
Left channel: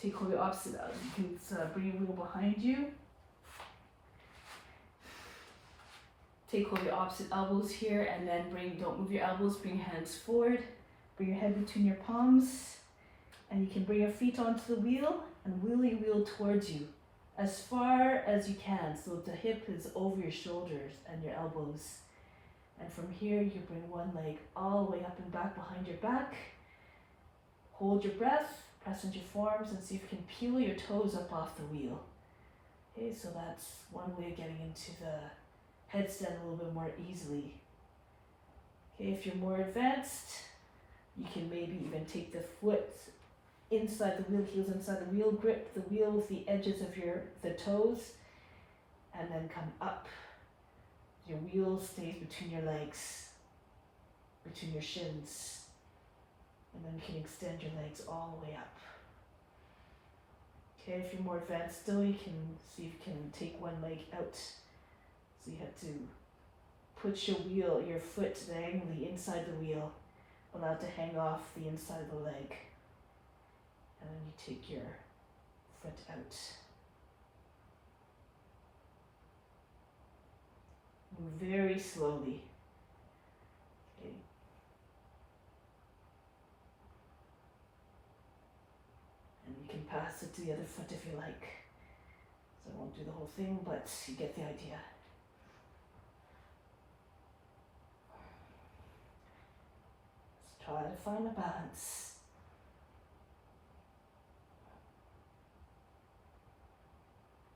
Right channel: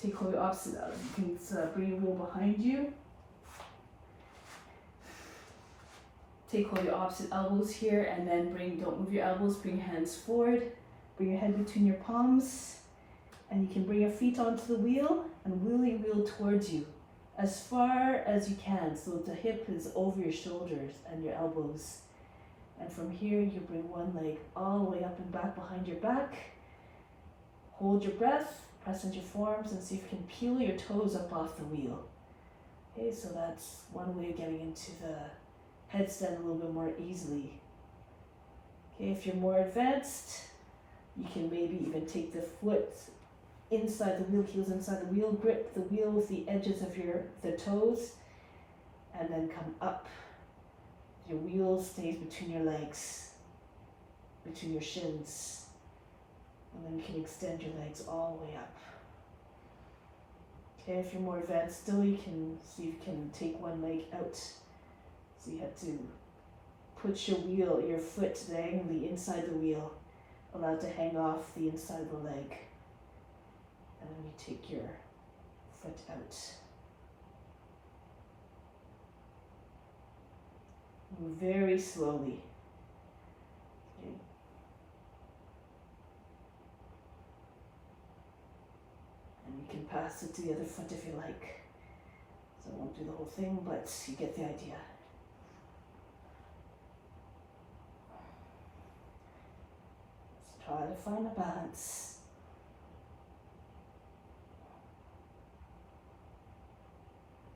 take hold of the opposite. You can bring your wheel behind you. Take hold of your opposite elbows here, and then don't move your elbows, bring your hands forward, bring your head between your palms, and you can bring your feet onto the wheel and wheel your wheel towards you as far as you can, so the hip is over your shoulders and your elbows. And from here, you bring one leg all the way up and back behind your back. Hold your breath, press into your forearms, and see if you can peel your toes up off the wheel. Okay, so that's one way of getting into the headstand a little bit more easily. Okay, if you're more advanced, you can maybe even take the foot inside the wheel, heels inside the wheel, grip the wheel with the edges of the toes, and then come up. Your wheel stays between your legs, between your shins, and then you can extend your legs all the way up. Okay, if you're more advanced still, you can see if you can take one leg out. So you have to put your foot diagonally inside the wheel, allow it to hang off the inside of the leg. And then you take your foot out. Move very slowly. Okay. And you can pass it to the other foot if you like. So I won't do the whole thing, but you get the idea. Try to find a balance.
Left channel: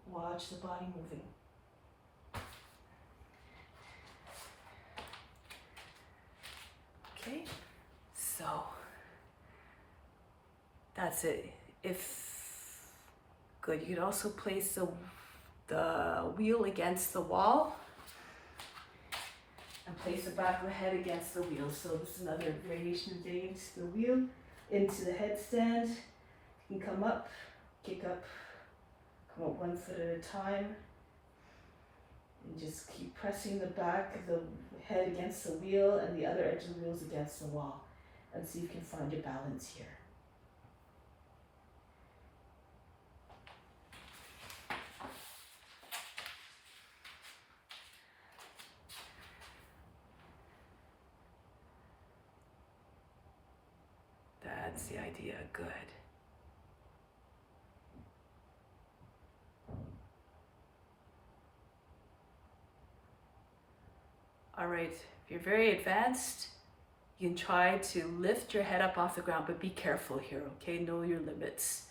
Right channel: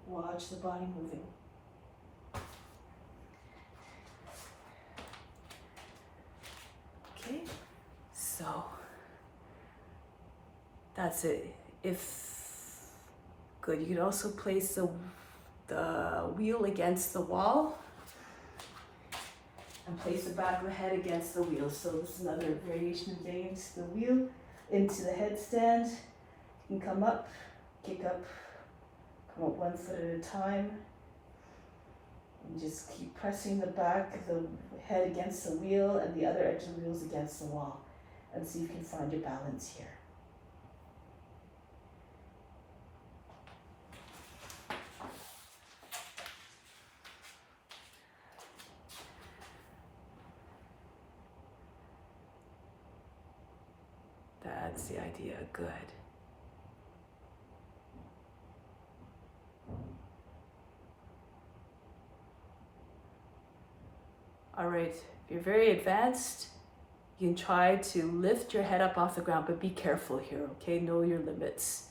Watch the body moving. Okay, so that's it. Good, you can also place the wheel against the wall. And place the back of the head against the wheel. So this is another variation of getting into the wheel, into the headstand. You can come up, kick up, come up one foot at a time. And just keep pressing the back of the head against the wheel and the other edge of the wheels against the wall. And see if you can find your balance here. That's the idea. Good. All right, if you're very advanced, you can try to lift your head up off the ground, but be careful here, okay? Know your limits.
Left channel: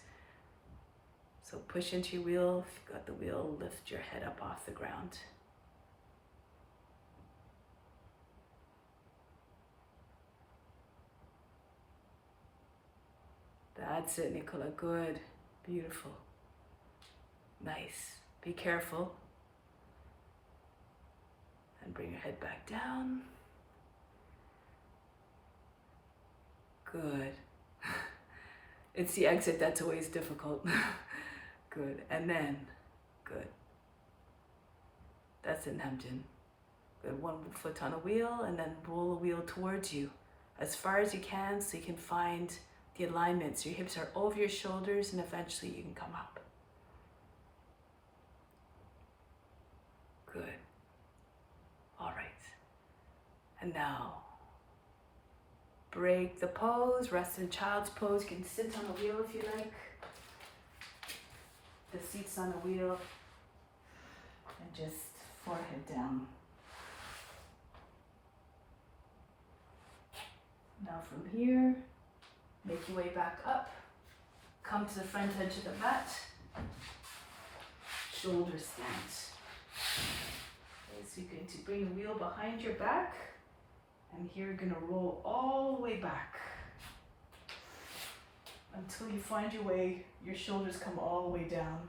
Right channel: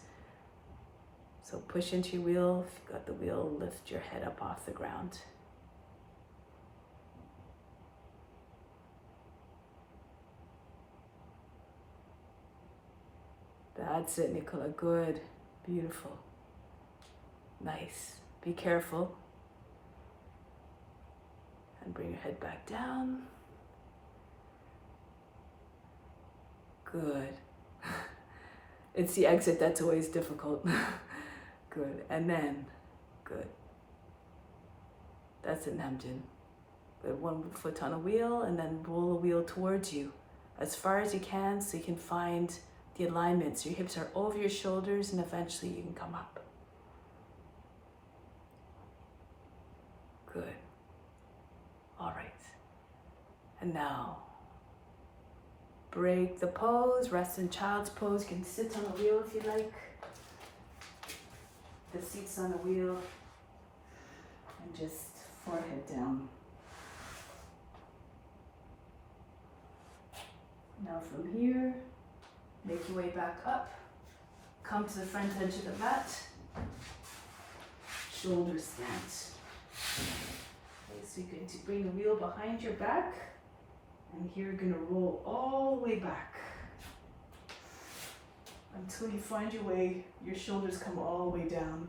So push into your wheel. If you've got the wheel, lift your head up off the ground. That's it, Nicola. Good. Beautiful. Nice. Be careful. And bring your head back down. Good. It's the exit that's always difficult. Good. And then, good. That's it, Namjin. Good. One foot on a wheel and then roll the wheel towards you as far as you can so you can find the alignment. So your hips are over your shoulders and eventually you can come up. Good. All right. And now, break the pose, rest in child's pose. You can sit on the wheel if you like. The seat's on the wheel. And just forehead down. Now from here, make your way back up. Come to the front edge of the mat. Shoulders slant. Okay, so you're going to bring the wheel behind your back. And here you're going to roll all the way back. Until you find your way, your shoulders come all the way down.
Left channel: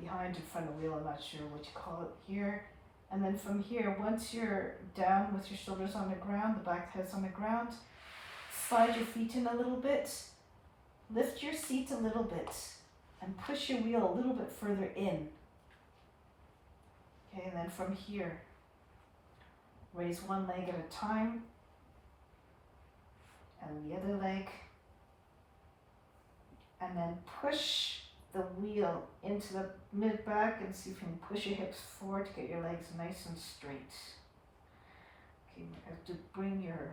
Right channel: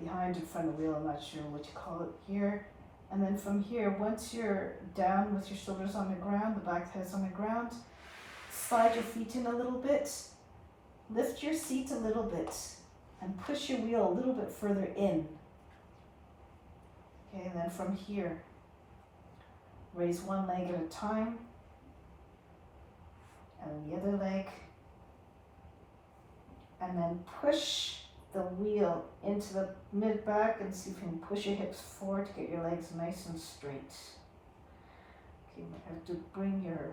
Behind in front of the wheel, I'm not sure what you call it here. And then from here, once you're down with your shoulders on the ground, the back head's on the ground, slide your feet in a little bit, lift your seat a little bit, and push your wheel a little bit further in. Okay, and then from here, raise one leg at a time, and the other leg, and then push the wheel into the mid back and see if you can push your hips forward to get your legs nice and straight. Okay, you might have to bring your,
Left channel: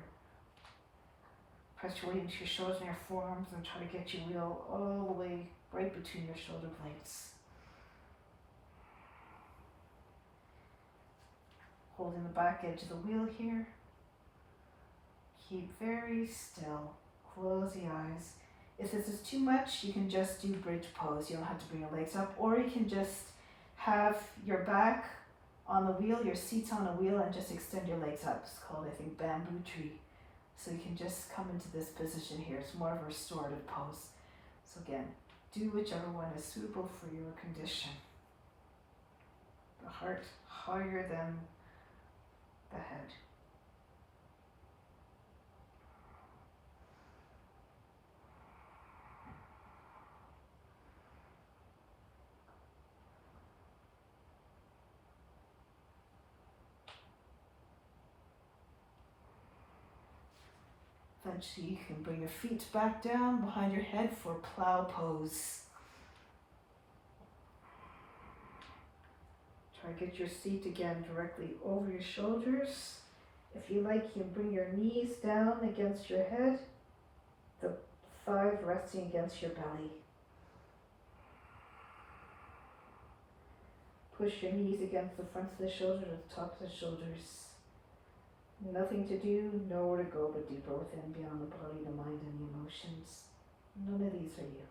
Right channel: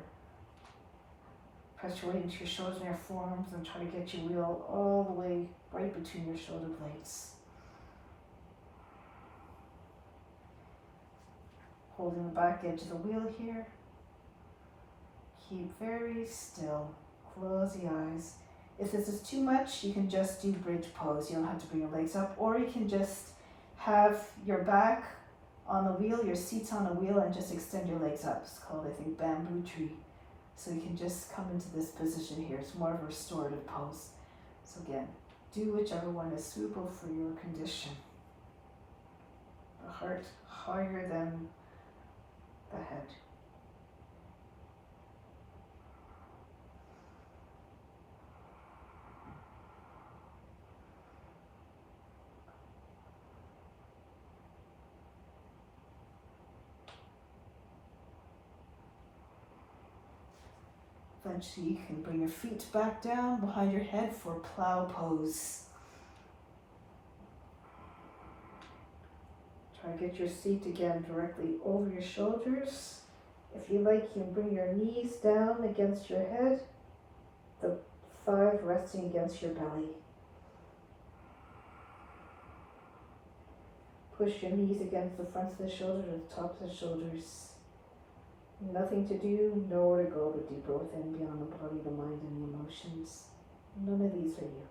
press your weight into your shoulders and your forearms and try to get your wheel all the way right between your shoulder blades. Holding the back edge of the wheel here. Keep very still. Close the eyes. If this is too much, you can just do bridge pose. You don't have to bring your legs up, or you can just have your back on the wheel, your seat's on a wheel, and just extend your legs up. It's called, I think, bamboo tree. So you can just come into this position here. It's more of a restorative pose. So again, do whichever one is suitable for your condition. The heart higher than the head. Eventually you can bring your feet back down behind your head for plow pose. Try to get your seat again directly over your shoulders. If you like, you can bring your knees down against your head, the thighs resting against your belly. Push your knees against the fronts of the shoulders or the tops of the shoulders. Nothing to do, nowhere to go but deeper within, beyond the body, the mind, and the emotions. None of these are you.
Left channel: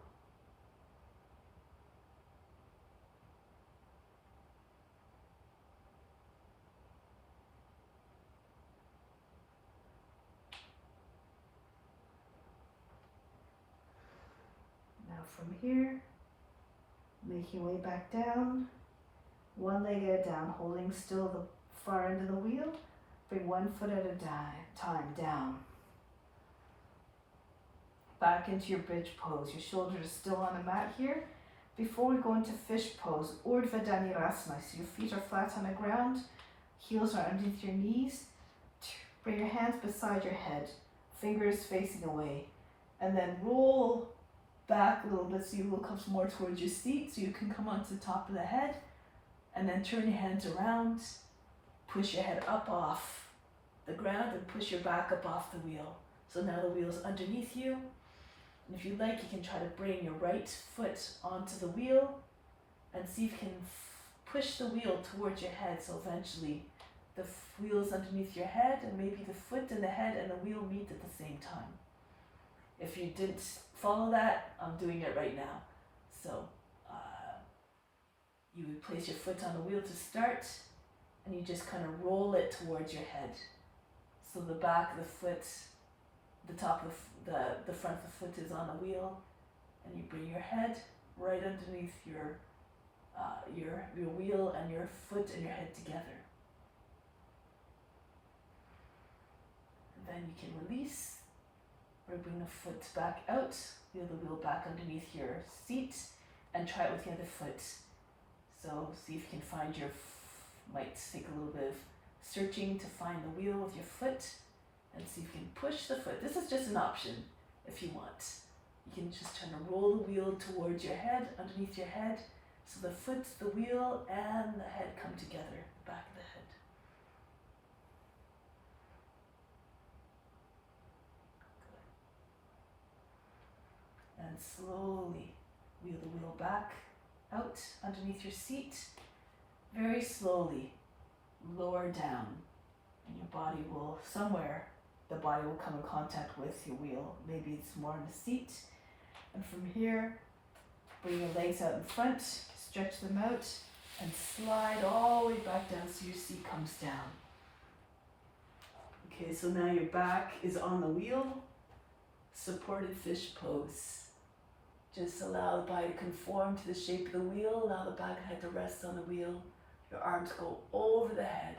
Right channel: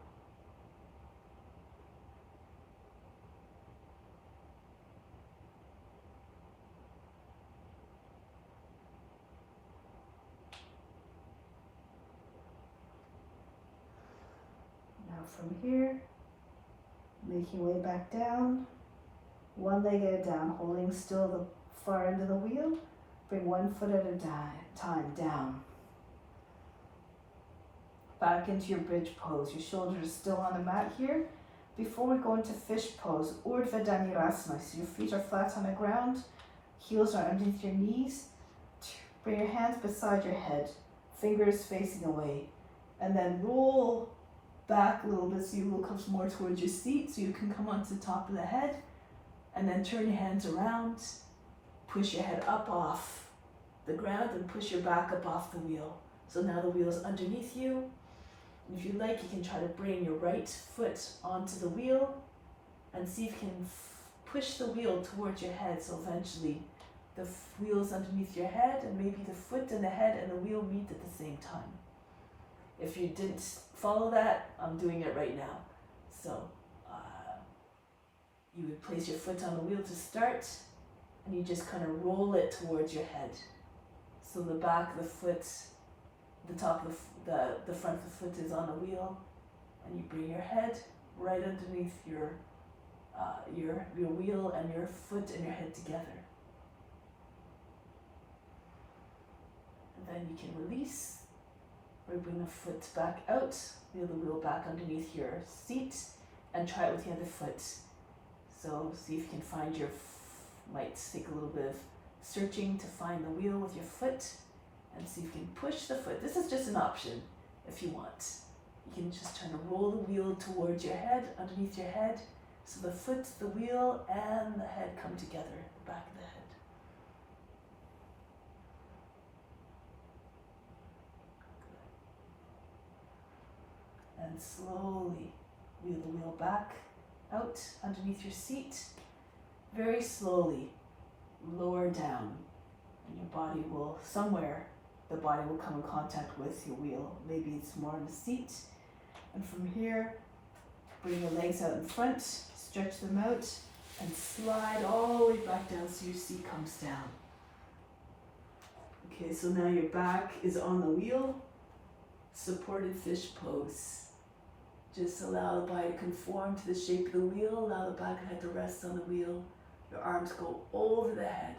Now from here, make your way back down, one leg at a time, holding still the far end of the wheel. Bring one foot at a time down. Back into your bridge pose. Your shoulders are still on the mat here. Before we go into fish pose, Urdhva Dhanurasana. So your feet are flat on the ground, heels are underneath your knees. Bring your hands beside your head, fingers facing away. And then roll back a little bit so your wheel comes more towards your seat so you can come onto the top of the head. And then turn your hands around. Push your head up off the ground and push your back up off the wheel. So now the wheel is underneath you. And if you like, you can try to bring your right foot onto the wheel and see if you can push the wheel towards your head, so eventually the wheel is underneath your head, and maybe the foot and the head and the wheel meet at the same time. If you didn't follow that, I'm doing it right now. So you would place your foot on the wheel to start, and you just kind of roll it towards your head. So the back of the foot, the top of the front of the foot is on the wheel, and you bring your head right underneath your wheel, and your foot and your head together. And then you can release, or bring the foot back out, wheel the wheel back underneath your seat, and try it with the other foot. So see if you can find might take a little bit of searching to find the wheel with your foot, and see if you can push the foot. This is just an option if you want. You can just try to roll the wheel towards your head, underneath your head, so the foot, the wheel, and the head come together, the back of the head. Good. And slowly wheel the wheel back out underneath your seat. Very slowly lower down, and your body will, somewhere the body will come in contact with your wheel. Maybe it's more on the seat. And from here, bring your legs out in front, stretch them out, and slide all the way back down so your seat comes down. Okay, so now your back is on the wheel, supported fish pose. Just allow the body to conform to the shape of the wheel, allow the back of the head to rest on the wheel, your arms go over the head.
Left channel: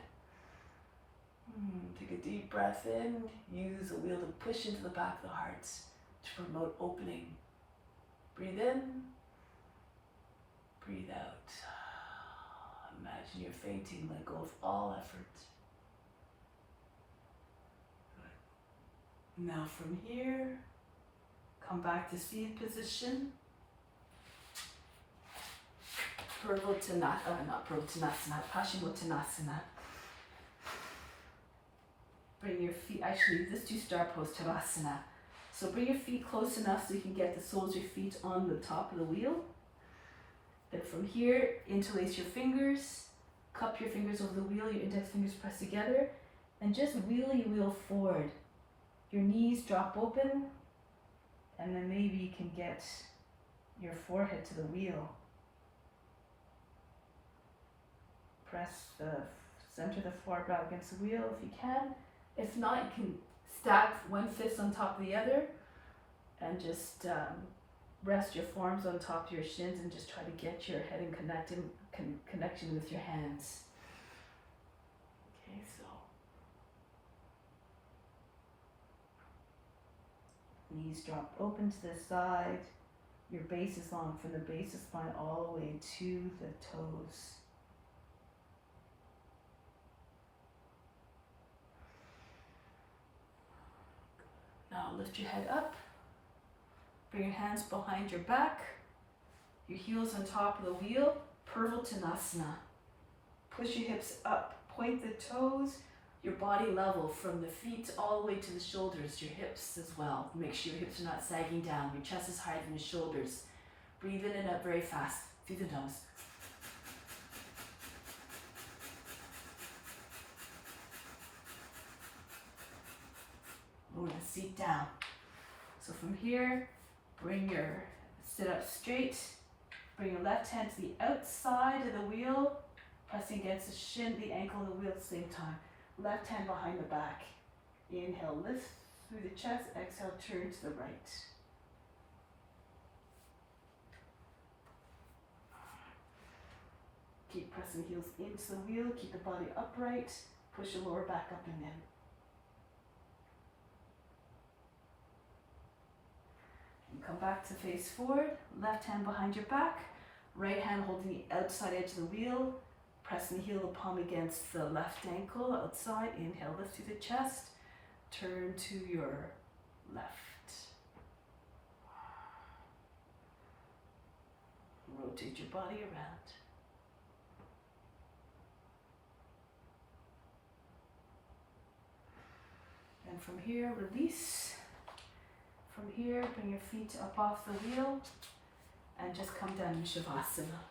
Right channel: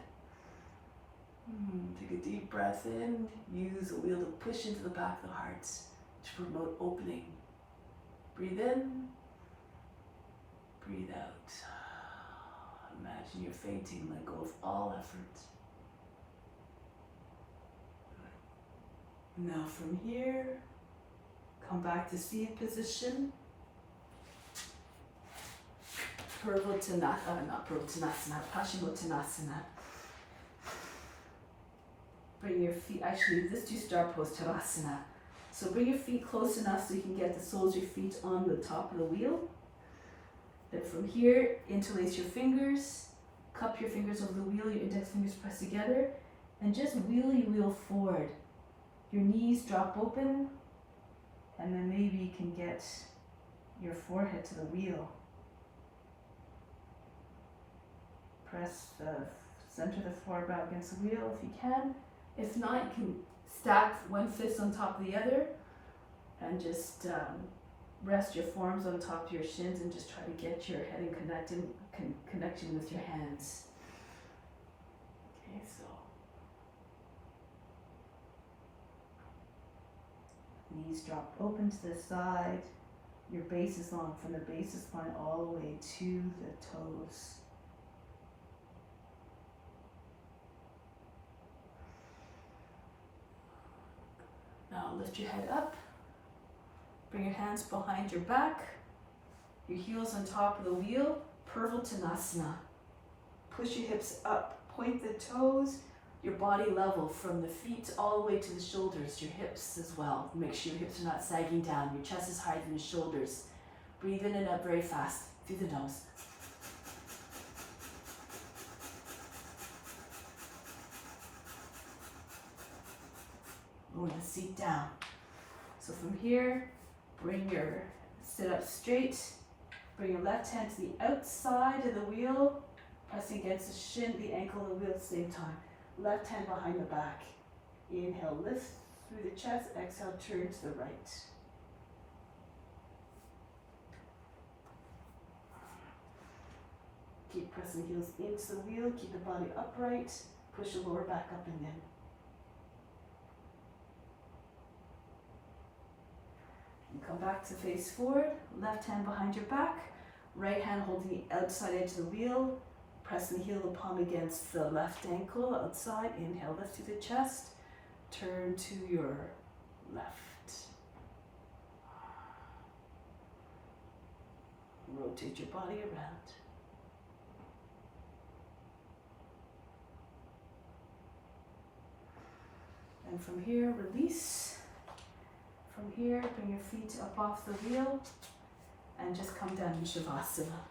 Take a deep breath in, use the wheel to push into the back of the heart to promote opening. Breathe in, breathe out. Imagine you're fainting, let go of all effort. Good. Now from here, come back to seated position. Paschimottanasana. Bring your feet, actually let's do star pose, Shavasana. So bring your feet close enough so you can get the soles of your feet on the top of the wheel. Then from here, interlace your fingers, cup your fingers over the wheel, your index fingers press together, and just wheel your wheel forward. Your knees drop open, and then maybe you can get your forehead to the wheel. Press the center of the forehead against the wheel if you can. If not, you can stack one fist on top of the other and just rest your forearms on top of your shins and just try to get your head in connection with your hands. Okay, so knees drop open to the side. Your base is long from the base of spine all the way to the toes. Now lift your head up, bring your hands behind your back, your heels on top of the wheel, Purvottanasana. Push your hips up, point the toes, your body level from the feet all the way to the shoulders, your hips as well. Make sure your hips are not sagging down, your chest is higher than your shoulders. Breathe in and out very fast, through the nose. Lower the seat down. So from here, sit up straight, bring your left hand to the outside of the wheel, pressing against the shin, the ankle of the wheel at the same time. Left hand behind the back. Inhale, lift through the chest, exhale, turn to the right. Keep pressing heels into the wheel, keep the body upright, push your lower back up and in. Come back to face forward, left hand behind your back, right hand holding the outside edge of the wheel, pressing the heel of the palm against the left ankle outside. Inhale, lift through the chest, turn to your left. Rotate your body around. And from here, release. From here, bring your feet up off the wheel and just come down in Shavasana.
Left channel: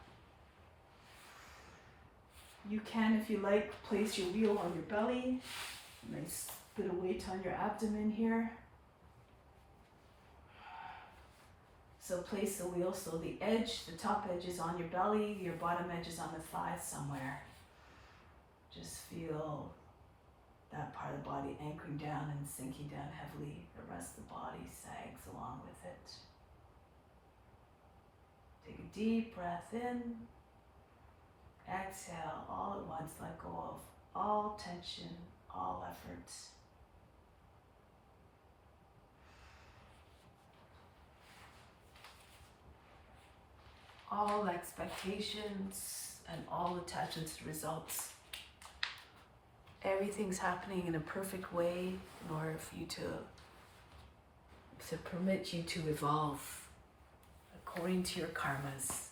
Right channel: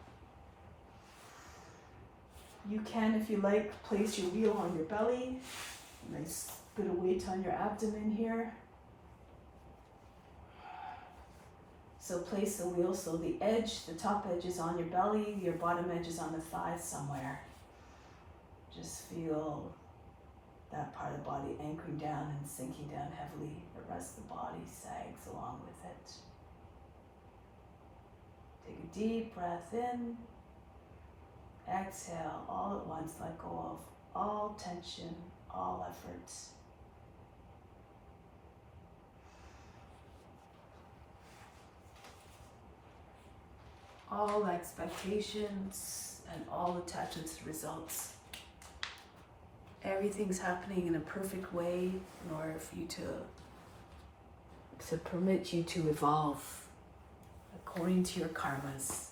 You can, if you like, place your wheel on your belly. Nice bit of weight on your abdomen here. So place the wheel so the edge, the top edge is on your belly, your bottom edge is on the thighs somewhere. Just feel that part of the body anchoring down and sinking down heavily. The rest of the body sags along with it. Take a deep breath in. Exhale all at once. Let go of all tension, all effort. All expectations and all attachments to results. Everything's happening in a perfect way in order for you to permit you to evolve according to your karmas.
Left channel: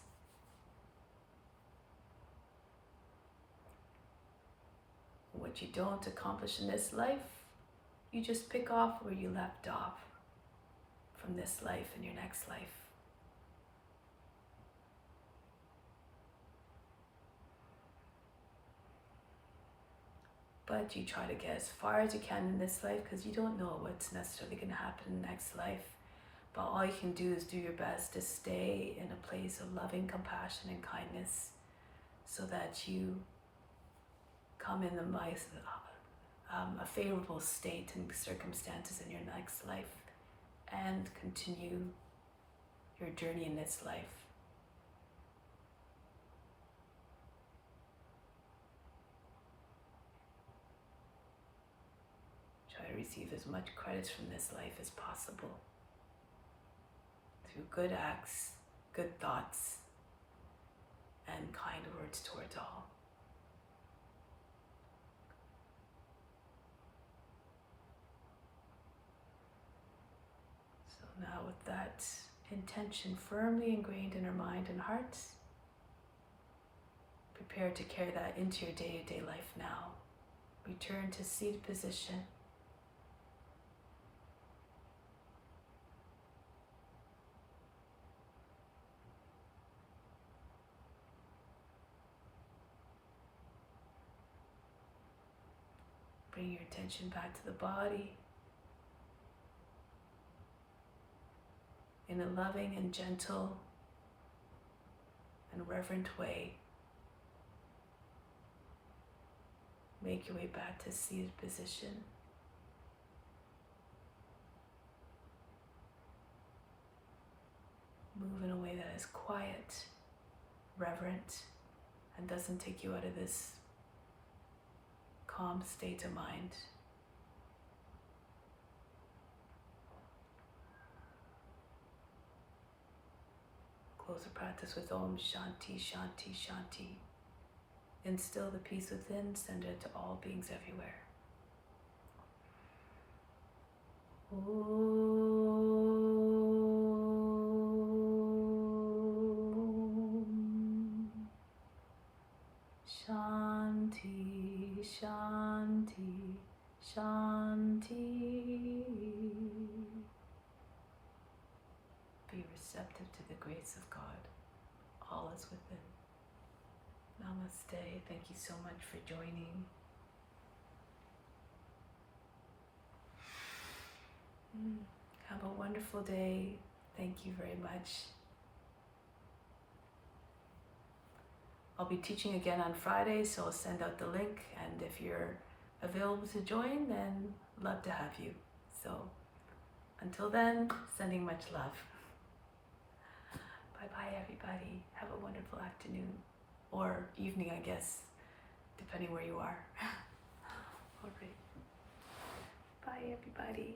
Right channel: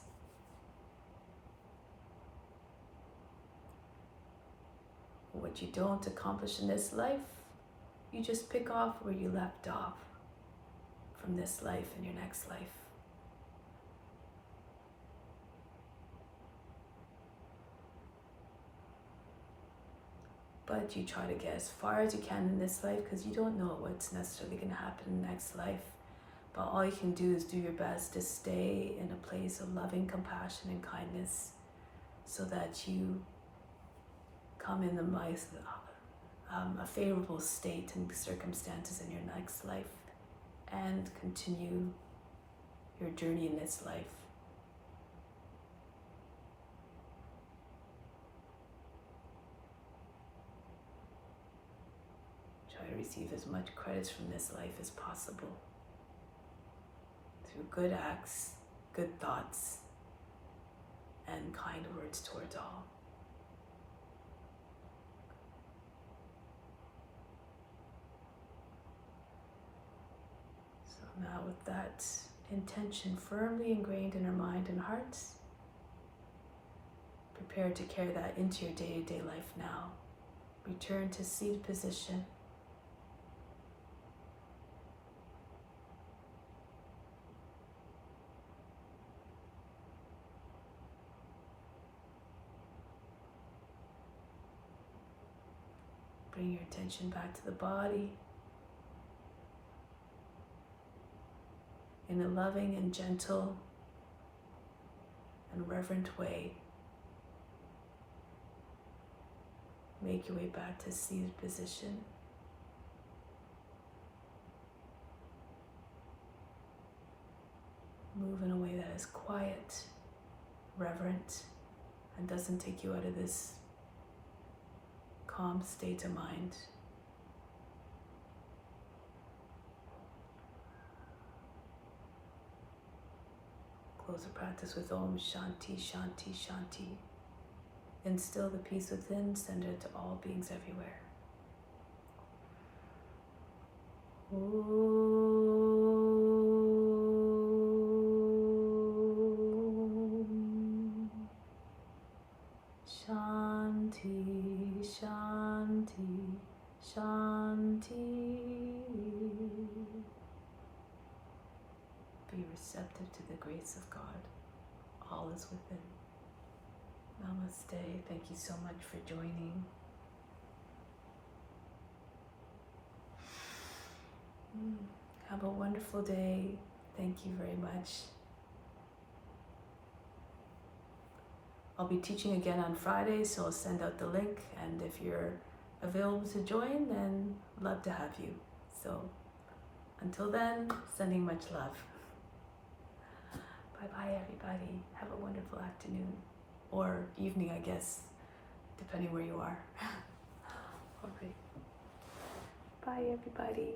What you don't accomplish in this life, you just pick off where you left off from this life and your next life. But you try to get as far as you can in this life because you don't know what's necessarily going to happen in the next life. But all you can do is do your best to stay in a place of loving compassion and kindness so that you come in a favorable state and circumstances in your next life and continue your journey in this life. Try to receive as much credits from this life as possible through good acts, good thoughts, and kind words towards all. So now with that intention firmly ingrained in our mind and hearts, prepare to carry that into your day-to-day life now. Return to seated position. Bring your attention back to the body in a loving and gentle and reverent way. Make your way back to seated position. Move in a way that is quiet, reverent, and doesn't take you out of this calm state of mind. Close the practice with Om Shanti, Shanti, Shanti. Instill the peace within, send it to all beings everywhere. Om Shanti, Shanti, Shanti. Be receptive to the grace of God. All is within. Namaste. Thank you so much for joining. Have a wonderful day. Thank you very much. I'll be teaching again on Friday, so I'll send out the link. And if you're available to join, then I'd love to have you. So until then, sending much love. Bye-bye, everybody. Have a wonderful afternoon. Or evening, I guess, depending where you are. All right. Bye, everybody.